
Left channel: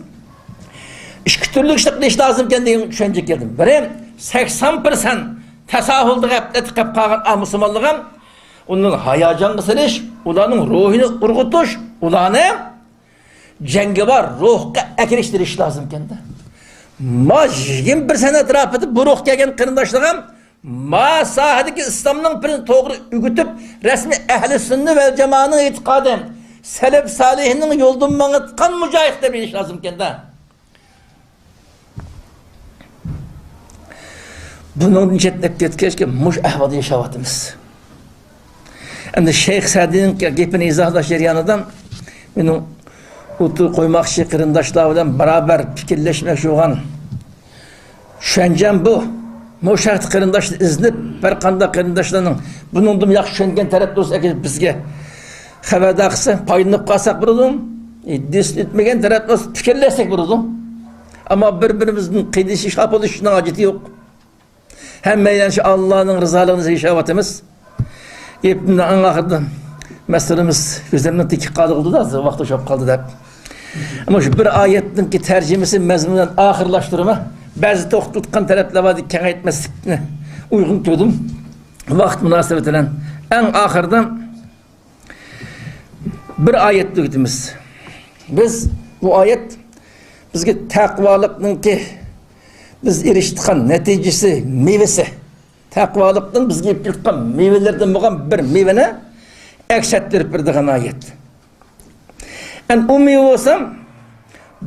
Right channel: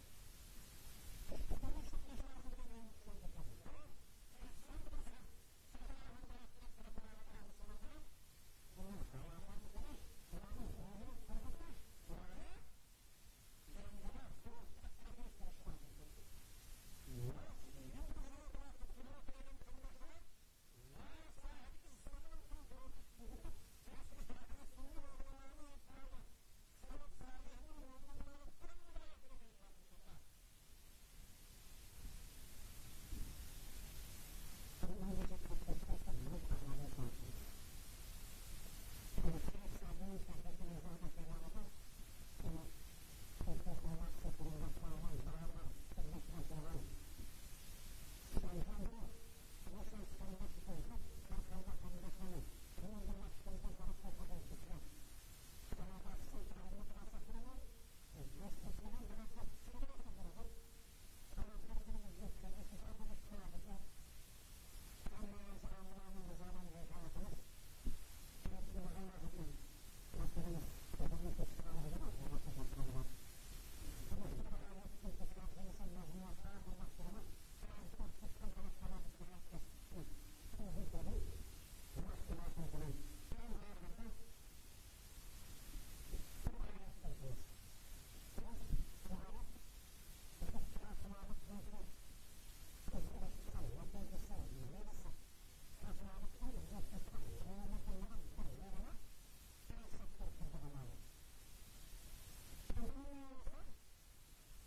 iki türlü işlik lazım kendine düşünecek geldim. Benim 80% tesahüldü etip kalan Müslümanlığım onun hayacan kısırış, ulanın ruhunu urgutuş, ulanı cengi var, ruhka ekleştiriş lazım kendi. Ma 21 sene etraf edip bu ruh gelgen kırındaşlığım ma sahadaki İslam'ın birini doğru ügütüp resmi ehli sünni ve cemaatinin itikaden selef salihinin yoldan manıtkan mücahit de bir iş lazım kendi. Bunun nicetlek etkileş ki muş ehvadı yaşavatımız. Şimdi Şeyh Sadi'nin gepini izahla şeriyanıdan benim otur koymak için kırındaşlarla beraber fikirleşmek şuan. Şencem bu. Muşahit kırındaşlı iznip bir kanda kırındaşlarının bunun da yakşı şengen tarafta olsa bizge haberdaksı payınıp kalsak burulum. Dis etmegen tarafta olsa fikirleşsek burulum. Ama birbirimizin kıydışı şap oluşundan acıtı yok. Hem meylenşi Allah'ın rızalığını yaşavatımız. Hepimden anlakırdı. Meselemiz gözlerimden tekik kaldı da vakti çok kaldı da. Ama şu bir ayetin ki tercümesi mezmundan ahırlaştırma bazı toktutkan talepler vardı kâh etmesine uygun gördüm. Vakt münasebetiyle en ahırdan bir ayet duydumuz. Biz bu ayet bizge takvalıkның ki biz eriştiğin neticesi meyvesi takvalıkның bizge yapılgan meyvelerden bo'lgan bir meyveni eksettirip birdiğin ayet. En ummi olsam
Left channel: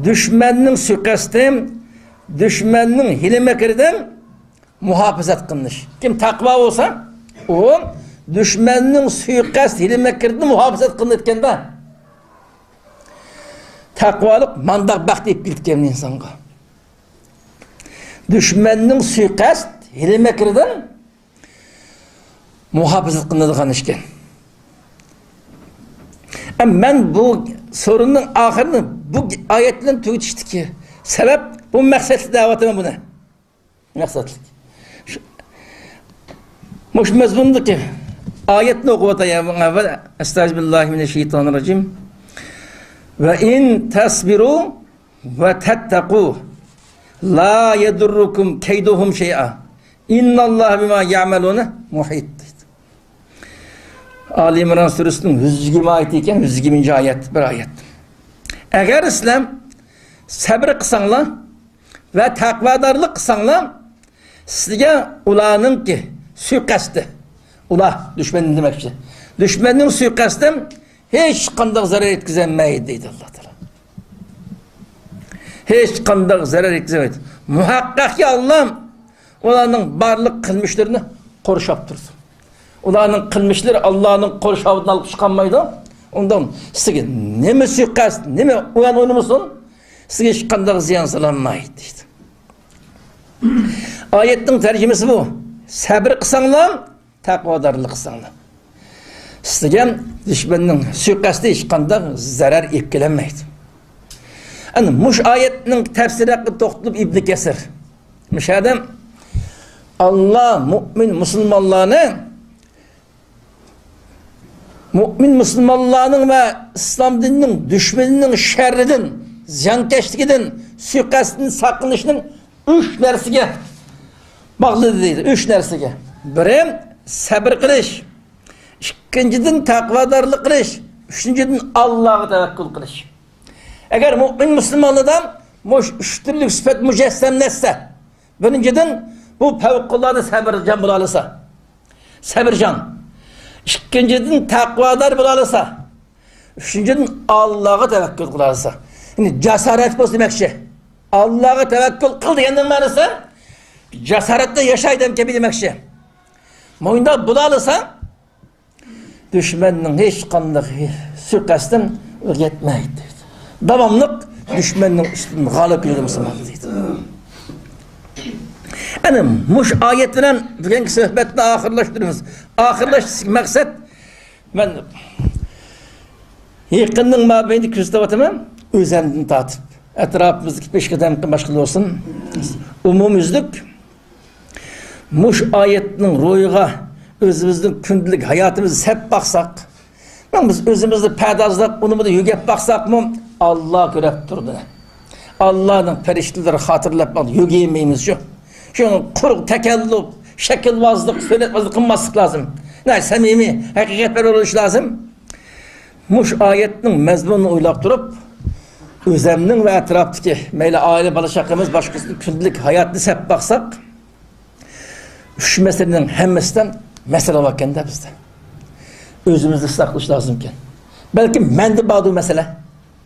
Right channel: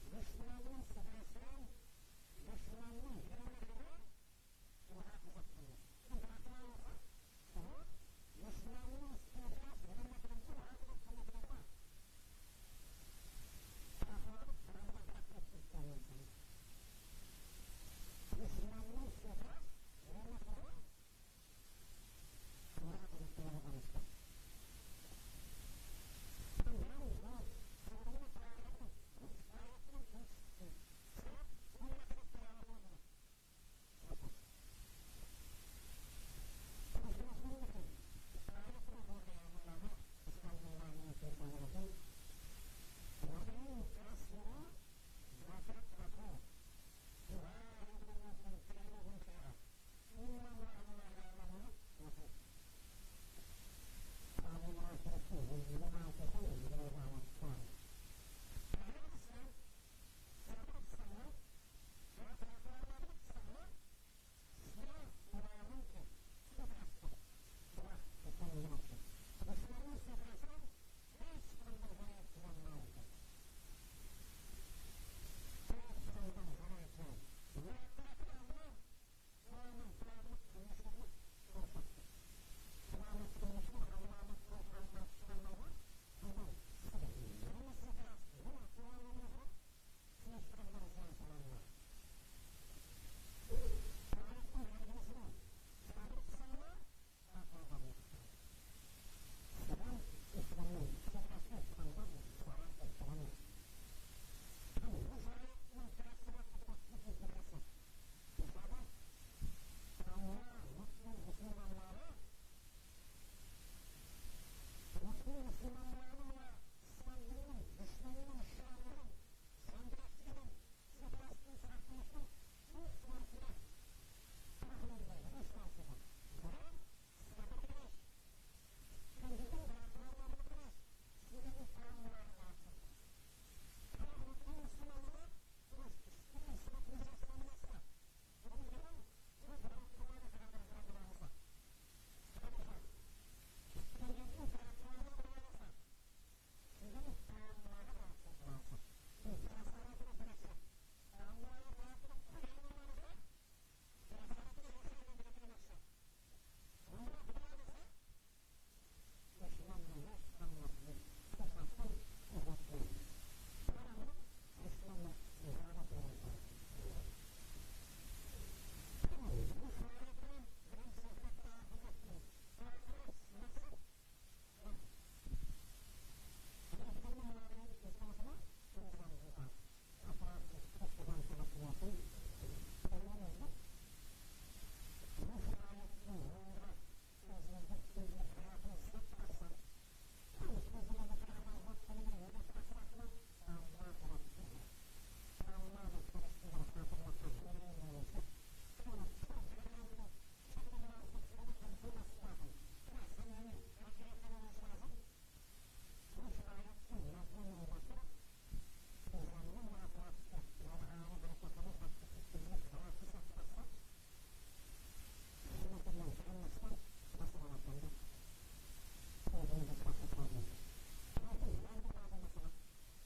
düşmanның suikastem, düşmanның hile mekirden muhafazat kılmış. Kim takva olsa o düşmanның suikast hile mekirden muhafazat kılınırken de takvalık mandak bak deyip bildikken insanga. Düşmanның suikast hile mekirden muhafazat kılınırken işken. Ben bu sorunun ahırını bu ayetle tüyütüştü ki sebep bu maksatlı davetime bu ne? Maksatlı. Muş mezmundu ki ayetini okuvatayım evvel Estağfirullah ve in tasbiru ve tettaku la yedurrukum keyduhum şey'a innallah bima ya'melune muhit. Ali İmran Suresi'nin 120 ayeti iken 120. ayet bir ayet. Eğer İslam sabır kısanlar ve takvadarlık kısanlar sizge ulanın ki suikastı Ula düşmenin demekçi. Düşmenin suikastı hiç kandak zarar etkizemeydi deydi Allah Teala. Hiç kandak zarar etkizemeydi. Muhakkak ki Allah'ım onların barlık kılmışlarını koruşap durdu. Onların kılmışları Allah'ın koruşavından alıp çıkanmaydı. Ondan size ne mi suikast, ne mi uyan oynamışsın, size hiç kandak ziyan salanmaydı deydi. Ayetin tercümesi bu. Sabır kısanlar, takvadarlık kısanlar. Sizge düşmanın suikastı hiç kandak zarar etkilenmeydi. Yani muş ayetinin tefsiri hakkı toxtulup İbn Kesir. Müşahedem Allah mümin Müslümanlarının ve İslam dininin düşmanının şerridin, ziyankeşliğinin, suikastının sakınışının 3 nersige bağlı deydi. 3 nersige. Biri sabır kılış, ikinciden takvadarlık kılış, üçüncüden Allah'a tevekkül kılış. Eğer mümin Müslümanlardan üç türlü sıfat mücessemletse, birinciden bu fevkalade sabırcan bulalasa, sabırcan. İkinciden takvadar bulalasa, üçüncüden Allah'a tevekkül kılarsa. Yani cesaret bu demekçi. Allah'a tevekkül kıl diyenin manası, cesaretle yaşaydım gibi demekçi. Moyunda bulalasa, düşmanın hiç kandık suikastın yetmeydi. Davamlık düşmanın üstünde galip yürüdü Müslüman deydi. Yani muş ayet bilen bugünkü sohbetle ahırlaştırıyoruz. Ahırlaştık maksat ben yakının mabeyni küstavatımı özemden tatıp etrafımızdaki 5 kademlikten başkalı olsun umumüzlük muş ayetinin royuğa özümüzün kündülük hayatımızı hep baksak biz özümüzü pedazlap onu da yügep baksak mı Allah görüp durdu. Allah'ın periştileri hatırlatmadı yügeyemeyimiz şu. Şunu kuruk tekellüp, şekilvazlık, söyletmezlik kılmaslık lazım. Ne samimi, hakikatler oluş lazım. Muş ayetinin mezmununu uylap durup, özemnin ve etraftaki meyle aile balışakımız başkasının kündülük hayatını hep baksak, şu meselenin hemmesinden mesele vakken de bizde. Özümüzü ıslaklık lazımken. Belki mendi bağlı mesele.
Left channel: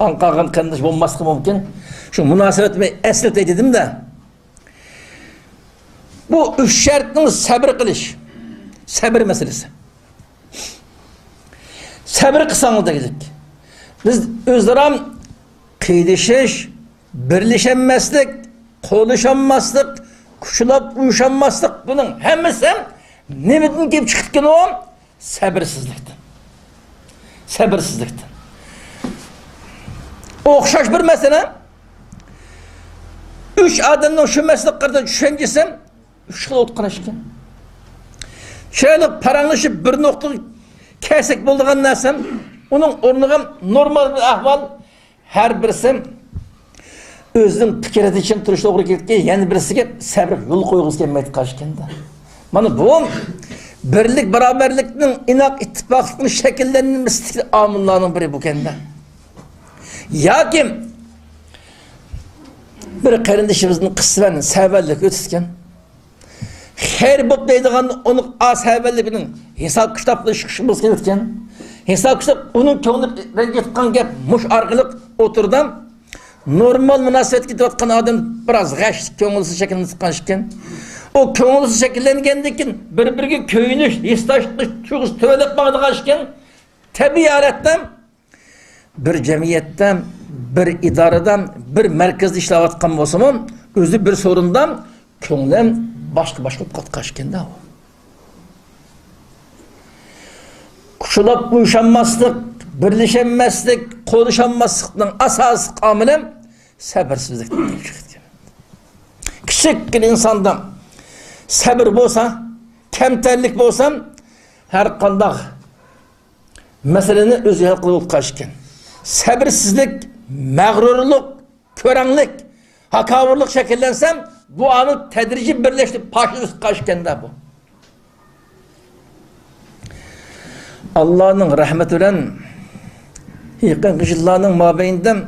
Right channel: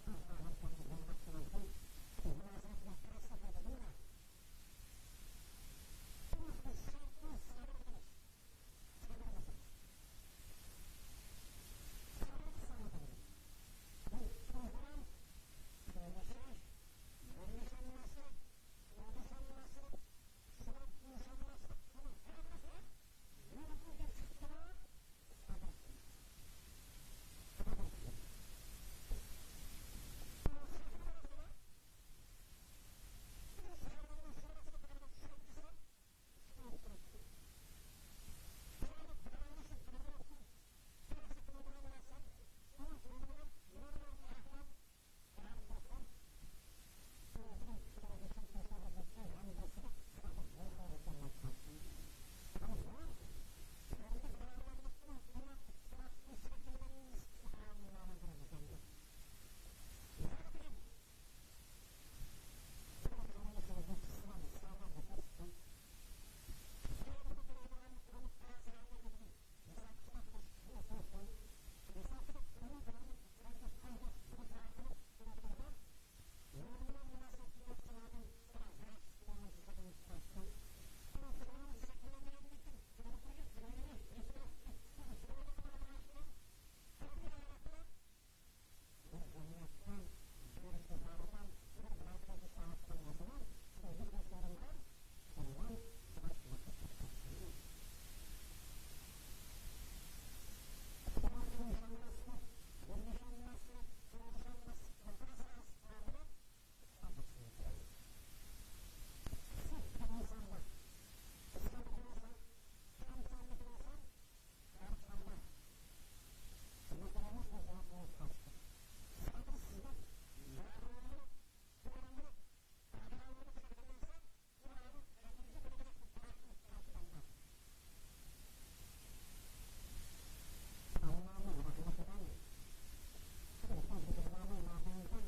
Ankara'nın kandışı olması mümkün. Şu münasebetimi esnet dedim de, bu 3 şartın sabır kılış. Sabır meselesi. Sabır kısanı da gidik. Biz özlerim kıydışış, birleşemezlik, konuşamazlık, kuşulap uyuşamazlık bunun hemmesi ne bildiğin gibi çıktıkken o sabırsızlıktan. Sabırsızlıktan. Okşaş bir mesele 3 adamın şu mesleklerden düşüncesi 3 yıl otqanaşken. Şöyle paranlaşıp bir nokta kesek bulduğun nesem, onun ornuğum normal bir ahval, her birisi özünün fikireti için turuşta doğru gitken, yani birisi sabır yol koyğuz gelmeydi karşıken de. Bana bu, birlik, beraberlikinin, inak, ittifaklıkının şekillerinin mistik amınlarının biri bu kendi. Ya kim, bir kardeşimizin kısmen severlik ötüsken, her bop deydiğen onun ashabelikinin hesap kitaplı çıkışımız gerekken hesap kitap onun könlü rengetkan gep muş argılık oturdum normal münasebet gidiyorken adam biraz gaş könülsüz şekilde sıkışken o könülsüz şekillengendekin birbirine köyünüş istaşlı çuğuz tövelep bağdıqaşken tabiaretten bir cemiyetten bir idareden bir merkezde işlevatkan bolsam özü bir sorundan könlüm başka katkaşken de o. Kuşulap uyuşanmazlık, birleşemezlik, konuşanmazlıktan asası kamilem sabırsızlıktan çıktı. Küçük bir insandan sabır bolsa, kemterlik bolsa her kandak meseleni özü hal kılıp kaçken. Sabırsızlık, mağrurluk, körenlik, hakavurluk şekillensem bu anı tedrici birleşti, paşınız kaçken de bu. Allah'ın rahmetiyle yakın kışıllarının mabeyinden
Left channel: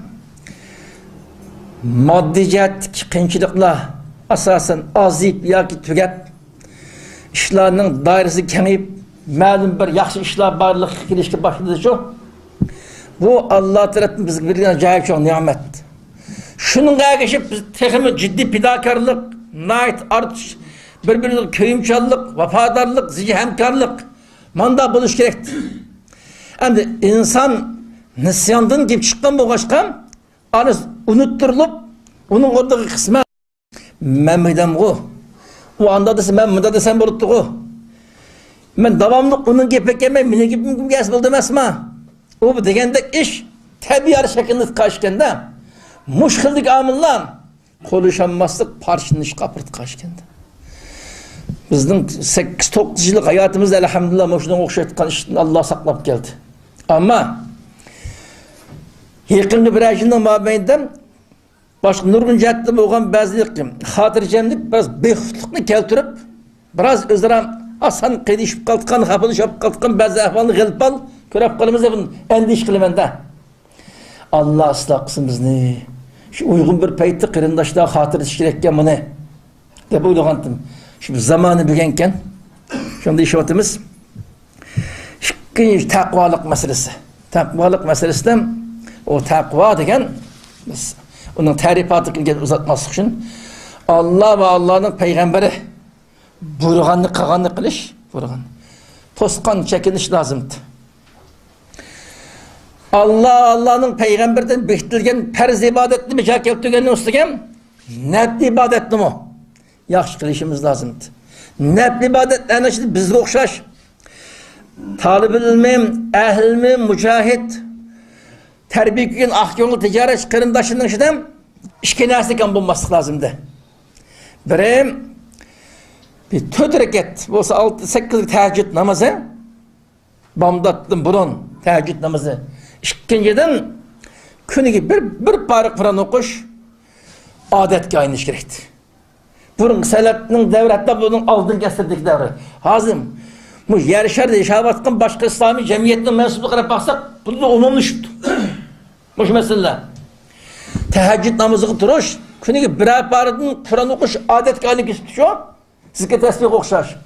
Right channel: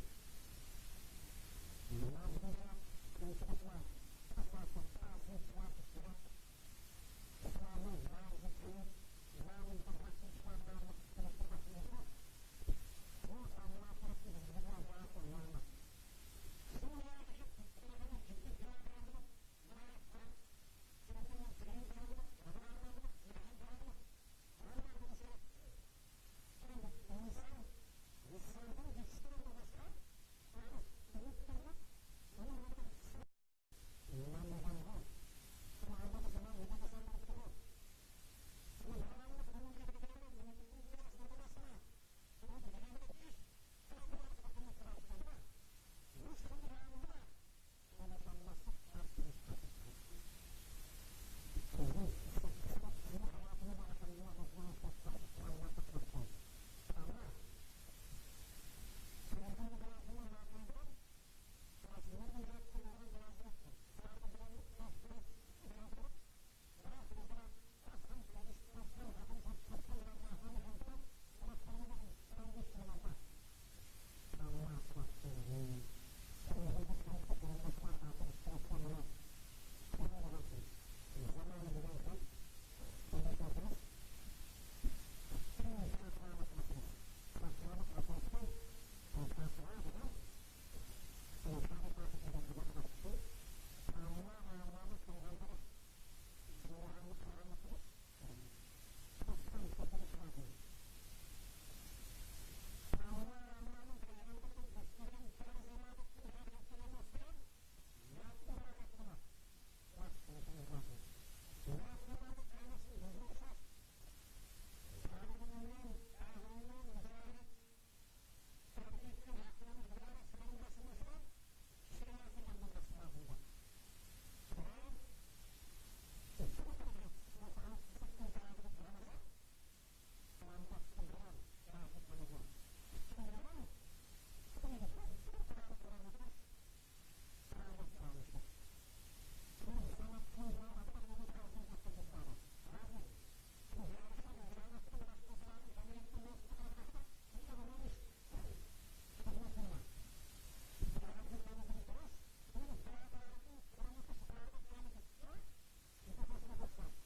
maddi cihetlik kıyınçılıkla asasen azıyıp ya ki tügep işlerinin dairesi kemeyip ma'lum bir yaxshi ishlar barliq kelishga boshladi shu. Bu Allah tarafından bizga berilgan acayip çok nimet. Şununla erişip biz texmi ciddi fidakarlık, nait artış, birbirine köyümçallık, vafadarlık, zici hemkarlık manda buluş gerekti. Hem de insan nisyandan gibi çıkan bu başkan anı unutturulup onun oradaki kısmı ben midem o. O anda desem ben mıda desem buluttu o. Ben devamlı onun gibi yemem, mine gibi gez buldum esma. O bu degende iş tabi yarı şeklinde kaçkende muşkildik amillan konuşamazlık parçınış kapırt kaçkende. Bizden 8-9 yıllık hayatımızda elhamdülillah muşdan okşaytıkan işten Allah saklap geldi. Ama yakınlı bir ayından mabeynden başka nurgun cehette boğan bazı hatırcemlik biraz beyhutlukunu keltirip biraz özlem asan qedişip kaltıkan, hapılışıp kaltıkan bazı ahvalını gelip al körep kalımızda bunun endiş kılımında. Allah ıslah kısım bizni. Şu uygun bir peytti kırındaşta hatır işkirekken bunu. De bu uygulandım. Şimdi zamanı bügenken şimdi işaretimiz ikinci takvalık meselesi. Takvalık meselesinden o takva degen onun tarifatını uzatması için Allah ve Allah'ın peygamberi buyurganını kağanını kılış buyurgan. Toskan çekiniş lazımdı. Allah'ın peygamberden bektilgen perz ibadetli mi keltirgenin üstügen nefli ibadetli mi? Yaxşı kılışımız lazımdı. Nefli ibadetlerine şimdi bizde okşaş. Talib ilmim, ehlim, mücahit, terbiye ahyolu ticaret kırındaşının içinden işkenasıken bulması lazımdı. Birim bir 4 reket olsa 6-8 teheccüd namazı bamdattım burun teheccüd namazı. İkinciden günü bir parık falan okuş adetke aynı iş gerekti. Bunun selatının devri hatta bunun aldın kestirdik devri. Hazım bu yarışarda yaşavatkan başka İslami cemiyetinin mensuplu kadar baksak bunu da umumlu şuttu. Bu mesele. Teheccüd namazı turuş günü birer parıkın Kur'an okuş adetke aynı kestirdik şu. Sizge tesbih okşar.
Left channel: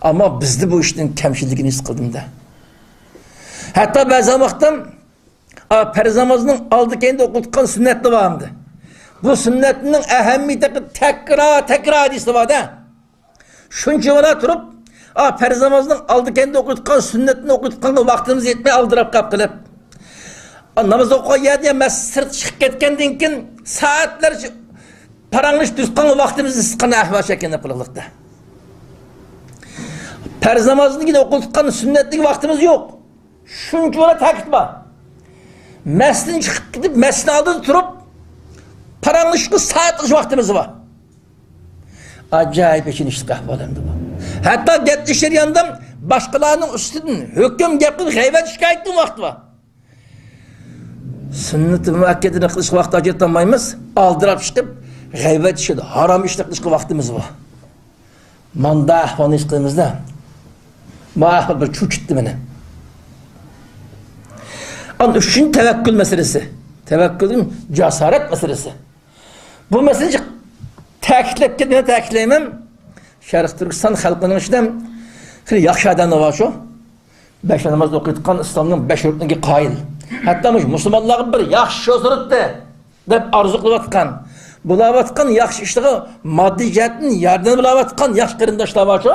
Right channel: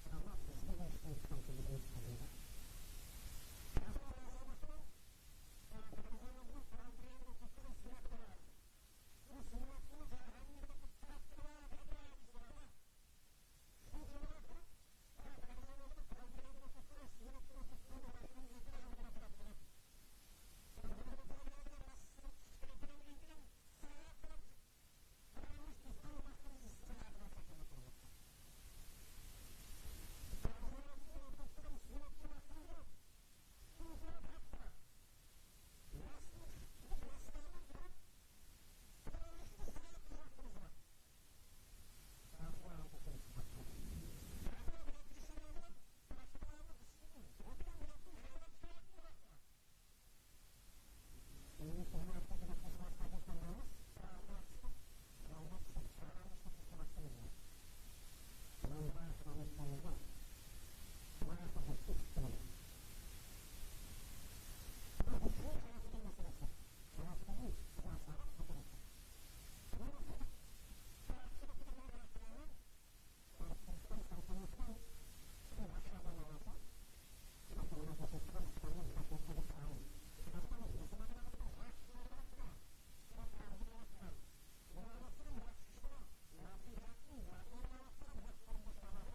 Ama bizde bu işin kemşilliğini his kıldım da. Hatta bazı vaktim perz namazının aldı kendi okutkan sünnetli vardı. Bu sünnetinin ehemmiyeti tekrar hadisi var da. Şunca vara durup perz namazının aldı kendi okutkan sünnetini okutkan vaktimiz yetmeye aldırıp kapkılıp. Namaz okuya diye sırt çıkıp ketkenden keyin saatler paranmış düşkan vaktimizi sıkan ahval şeklinde yapılırlıkta. Perz namazını yine okutkan sünnetlik vaktimiz yok. Şunca vara takip var. Mesleğin çıkıp gidip mesleğin aldığını turup paranlık saatlik vaktimiz var. Acayip için işte kahvalarında bu. Hatta getmişler yanından başkalarının üstünden hüküm yapıp gıybet şikayetin vakti var. Sünnet-i müakkedini kılışkı vakti acıtamayımız aldırıp çıkıp gıybet işi haram işle kılışkı vaktimiz var. Manda ahvanı işkılımızda mahal bir çuç etti beni. Onun üçüncü tevekkül meselesi. Tevekkülün cesaret meselesi. Bu meseleyi tekitlep kendine tekitleyemem. Şerif Türkistan halkının içinden yaxşı adamlar var şu. 5 namazda okuyduğun İslam'ın 5 rüknüne kail. Hatta Müslümanların bir yaxşı osuruttu dep arzuklayatkan. Bulavatkan yaxşı işleri maddi cihetin yardım bulavatkan yaxşı kırındaşlar var şu.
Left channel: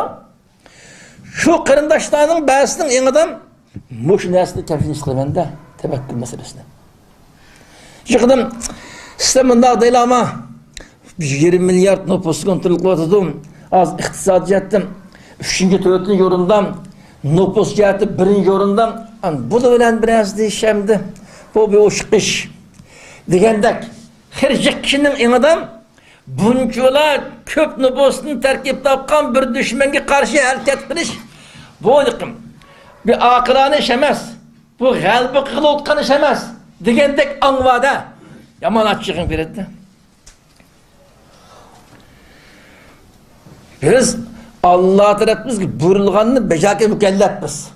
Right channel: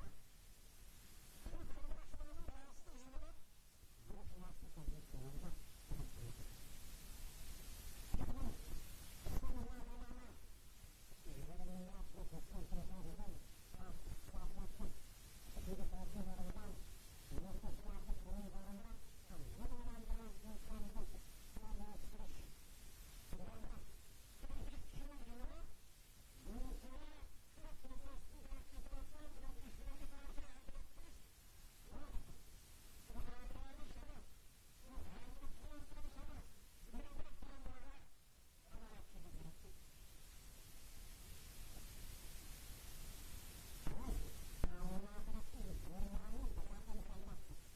Şu kırındaşlarının bazısının en adam muş nesli tefsir kılmanda tevekkül meselesine. Çıkdım sisteminde değil ama 20 milyar nüfus kontrol kılatıdım. Az iktisadi cihetten 3. 4. yorundan nüfus ciheti 1. yorundan bu da öyle biraz değişemdi. Bu bir hoş iş. Degендek her kişinin en adam bunçola köp nüfusunu terkip tapkan bir düşmenge karşı hareket kılış. Bu bir akılane iş emez. Bu kalbi kılı otkan iş emez. Degендek anvada yaman açığın verildi. Biz Allah tarafımız ki buyurulganını becerke mükellefiz.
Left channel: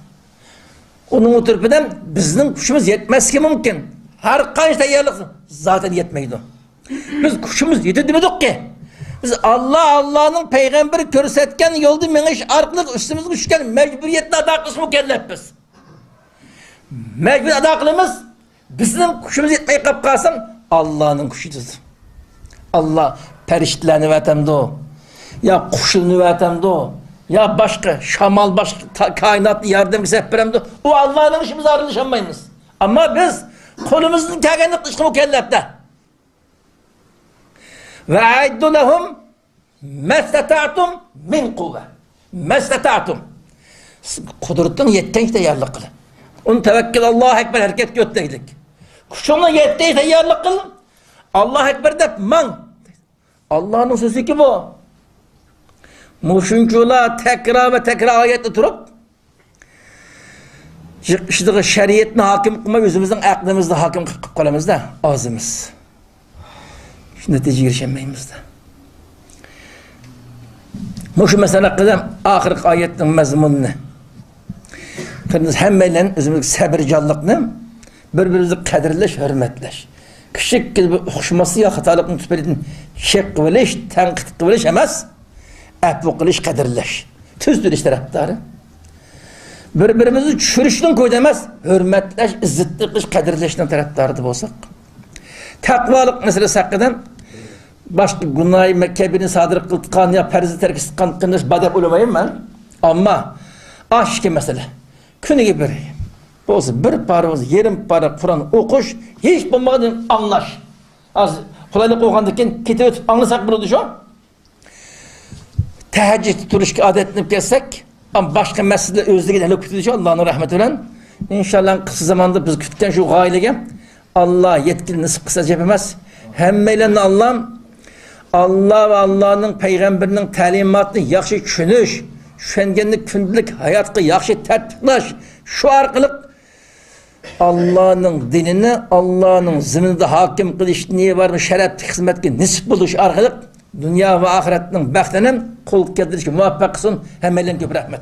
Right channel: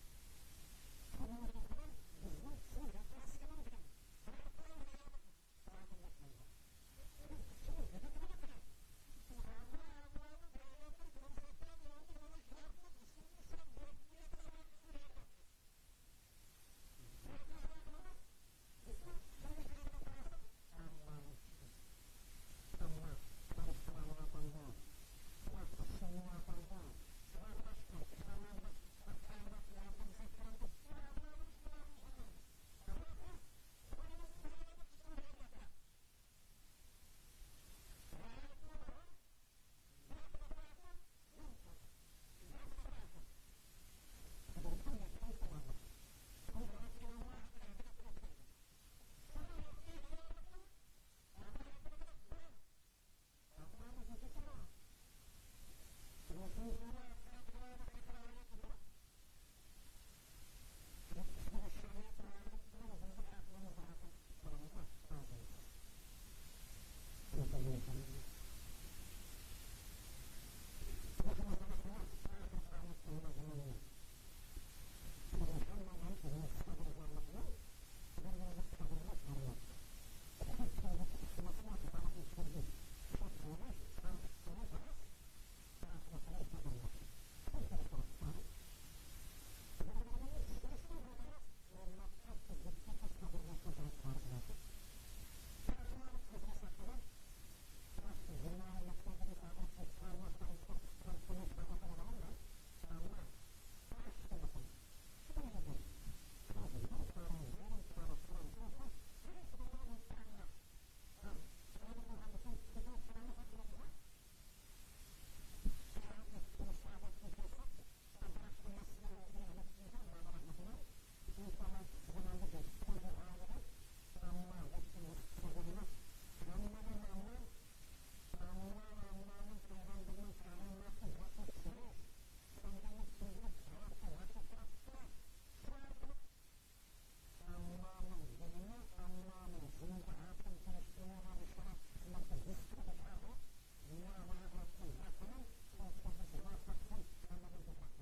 Onun oturup bizim kuşumuz yetmez ki mümkün. Her kaç tayarlık zaten yetmeydi. Biz kuşumuz yedirdik ki Biz Allah'ın peygamberi körsetken yolda meniş arkalık üstümüz düşken mecburiyetini ada kılış mükellefpiz. Mecbur ada kılımız bizim kuşumuz yetmeyi kapkasın Allah'ın kuşudur. Allah periştlerini vatemde o. Ya kuşunu vatemde o. Ya başka şamal başka kainatlı yardım seferemde o Allah'ın işimiz ayrılışamayız. Ama biz kolumuzun kegenlik dışkı mükellefte. Ve aiddu lehum mesteta'tum min kuvve. Mesteta'tum. Kudretin yetten işte yarlık kılın. Onu tevekkül Allahu Ekber hareket götteydik. Kuşunla yetten işte yarlık kılın. Allahu Ekber de man. Allah'ın sözü ki bu. Muşuncular tekrar ve tekrar ayette durup işte şeriyetine hakim kılma yüzümüzden aklımızda hakim kılamızda ağzımız. Şu netice girişemeyimizde. Muşu mesela kılım ahir ayetin mezmununu. Kırmızı hemmeyle özümüzdeki sabırcallıkını birbirimizi kadirleş, hürmetleş. Küçük gibi hoşması ya hatalıkını tüpelidin şek kıvılış, tenkit kıvılış emez. Əfv qilish, qadirlash. Tüzdür iş taraftarı. Birbirimizi çürüşdən koy demez. Hürmetlash, izzatli qilish, qadirlashdan taraftarı bolsak. Taqvalık meselesi hakkıdan başka günahı mekkebirini sadır kıltıkan ya perzi terkisi kıltıkan badep olamayım ben. Ama aşkı mesele. Günü gibi olsa bir para olsa yarım para Kur'an okuş hiç bulmadan anlaş. Az kolaylık oğandaki kitap anlasak bunu düşün. Teheccüd turuşki adetlenip gelsek ama başka mesele özlüğüyle hele kütüdücü Allah'ın rahmetiyle inşallah kısa zamanda biz kütükken şu gailege Allah yetkili nasip kısa cepemez hemmeyle Allah ve Allah'ın peygamberinin talimatını yakşı çünüş şengenlik kündülük hayatı yakşı tertiplaş şu arkalık Allah'ın dinini Allah'ın zimninde hakim kılış niye var mı şeref hizmetki nisip buluş arkalık dünya ve ahiretinin bəxtinin kul keltirişki muvaffaq kılsın. Hemmeyle köp rahmet.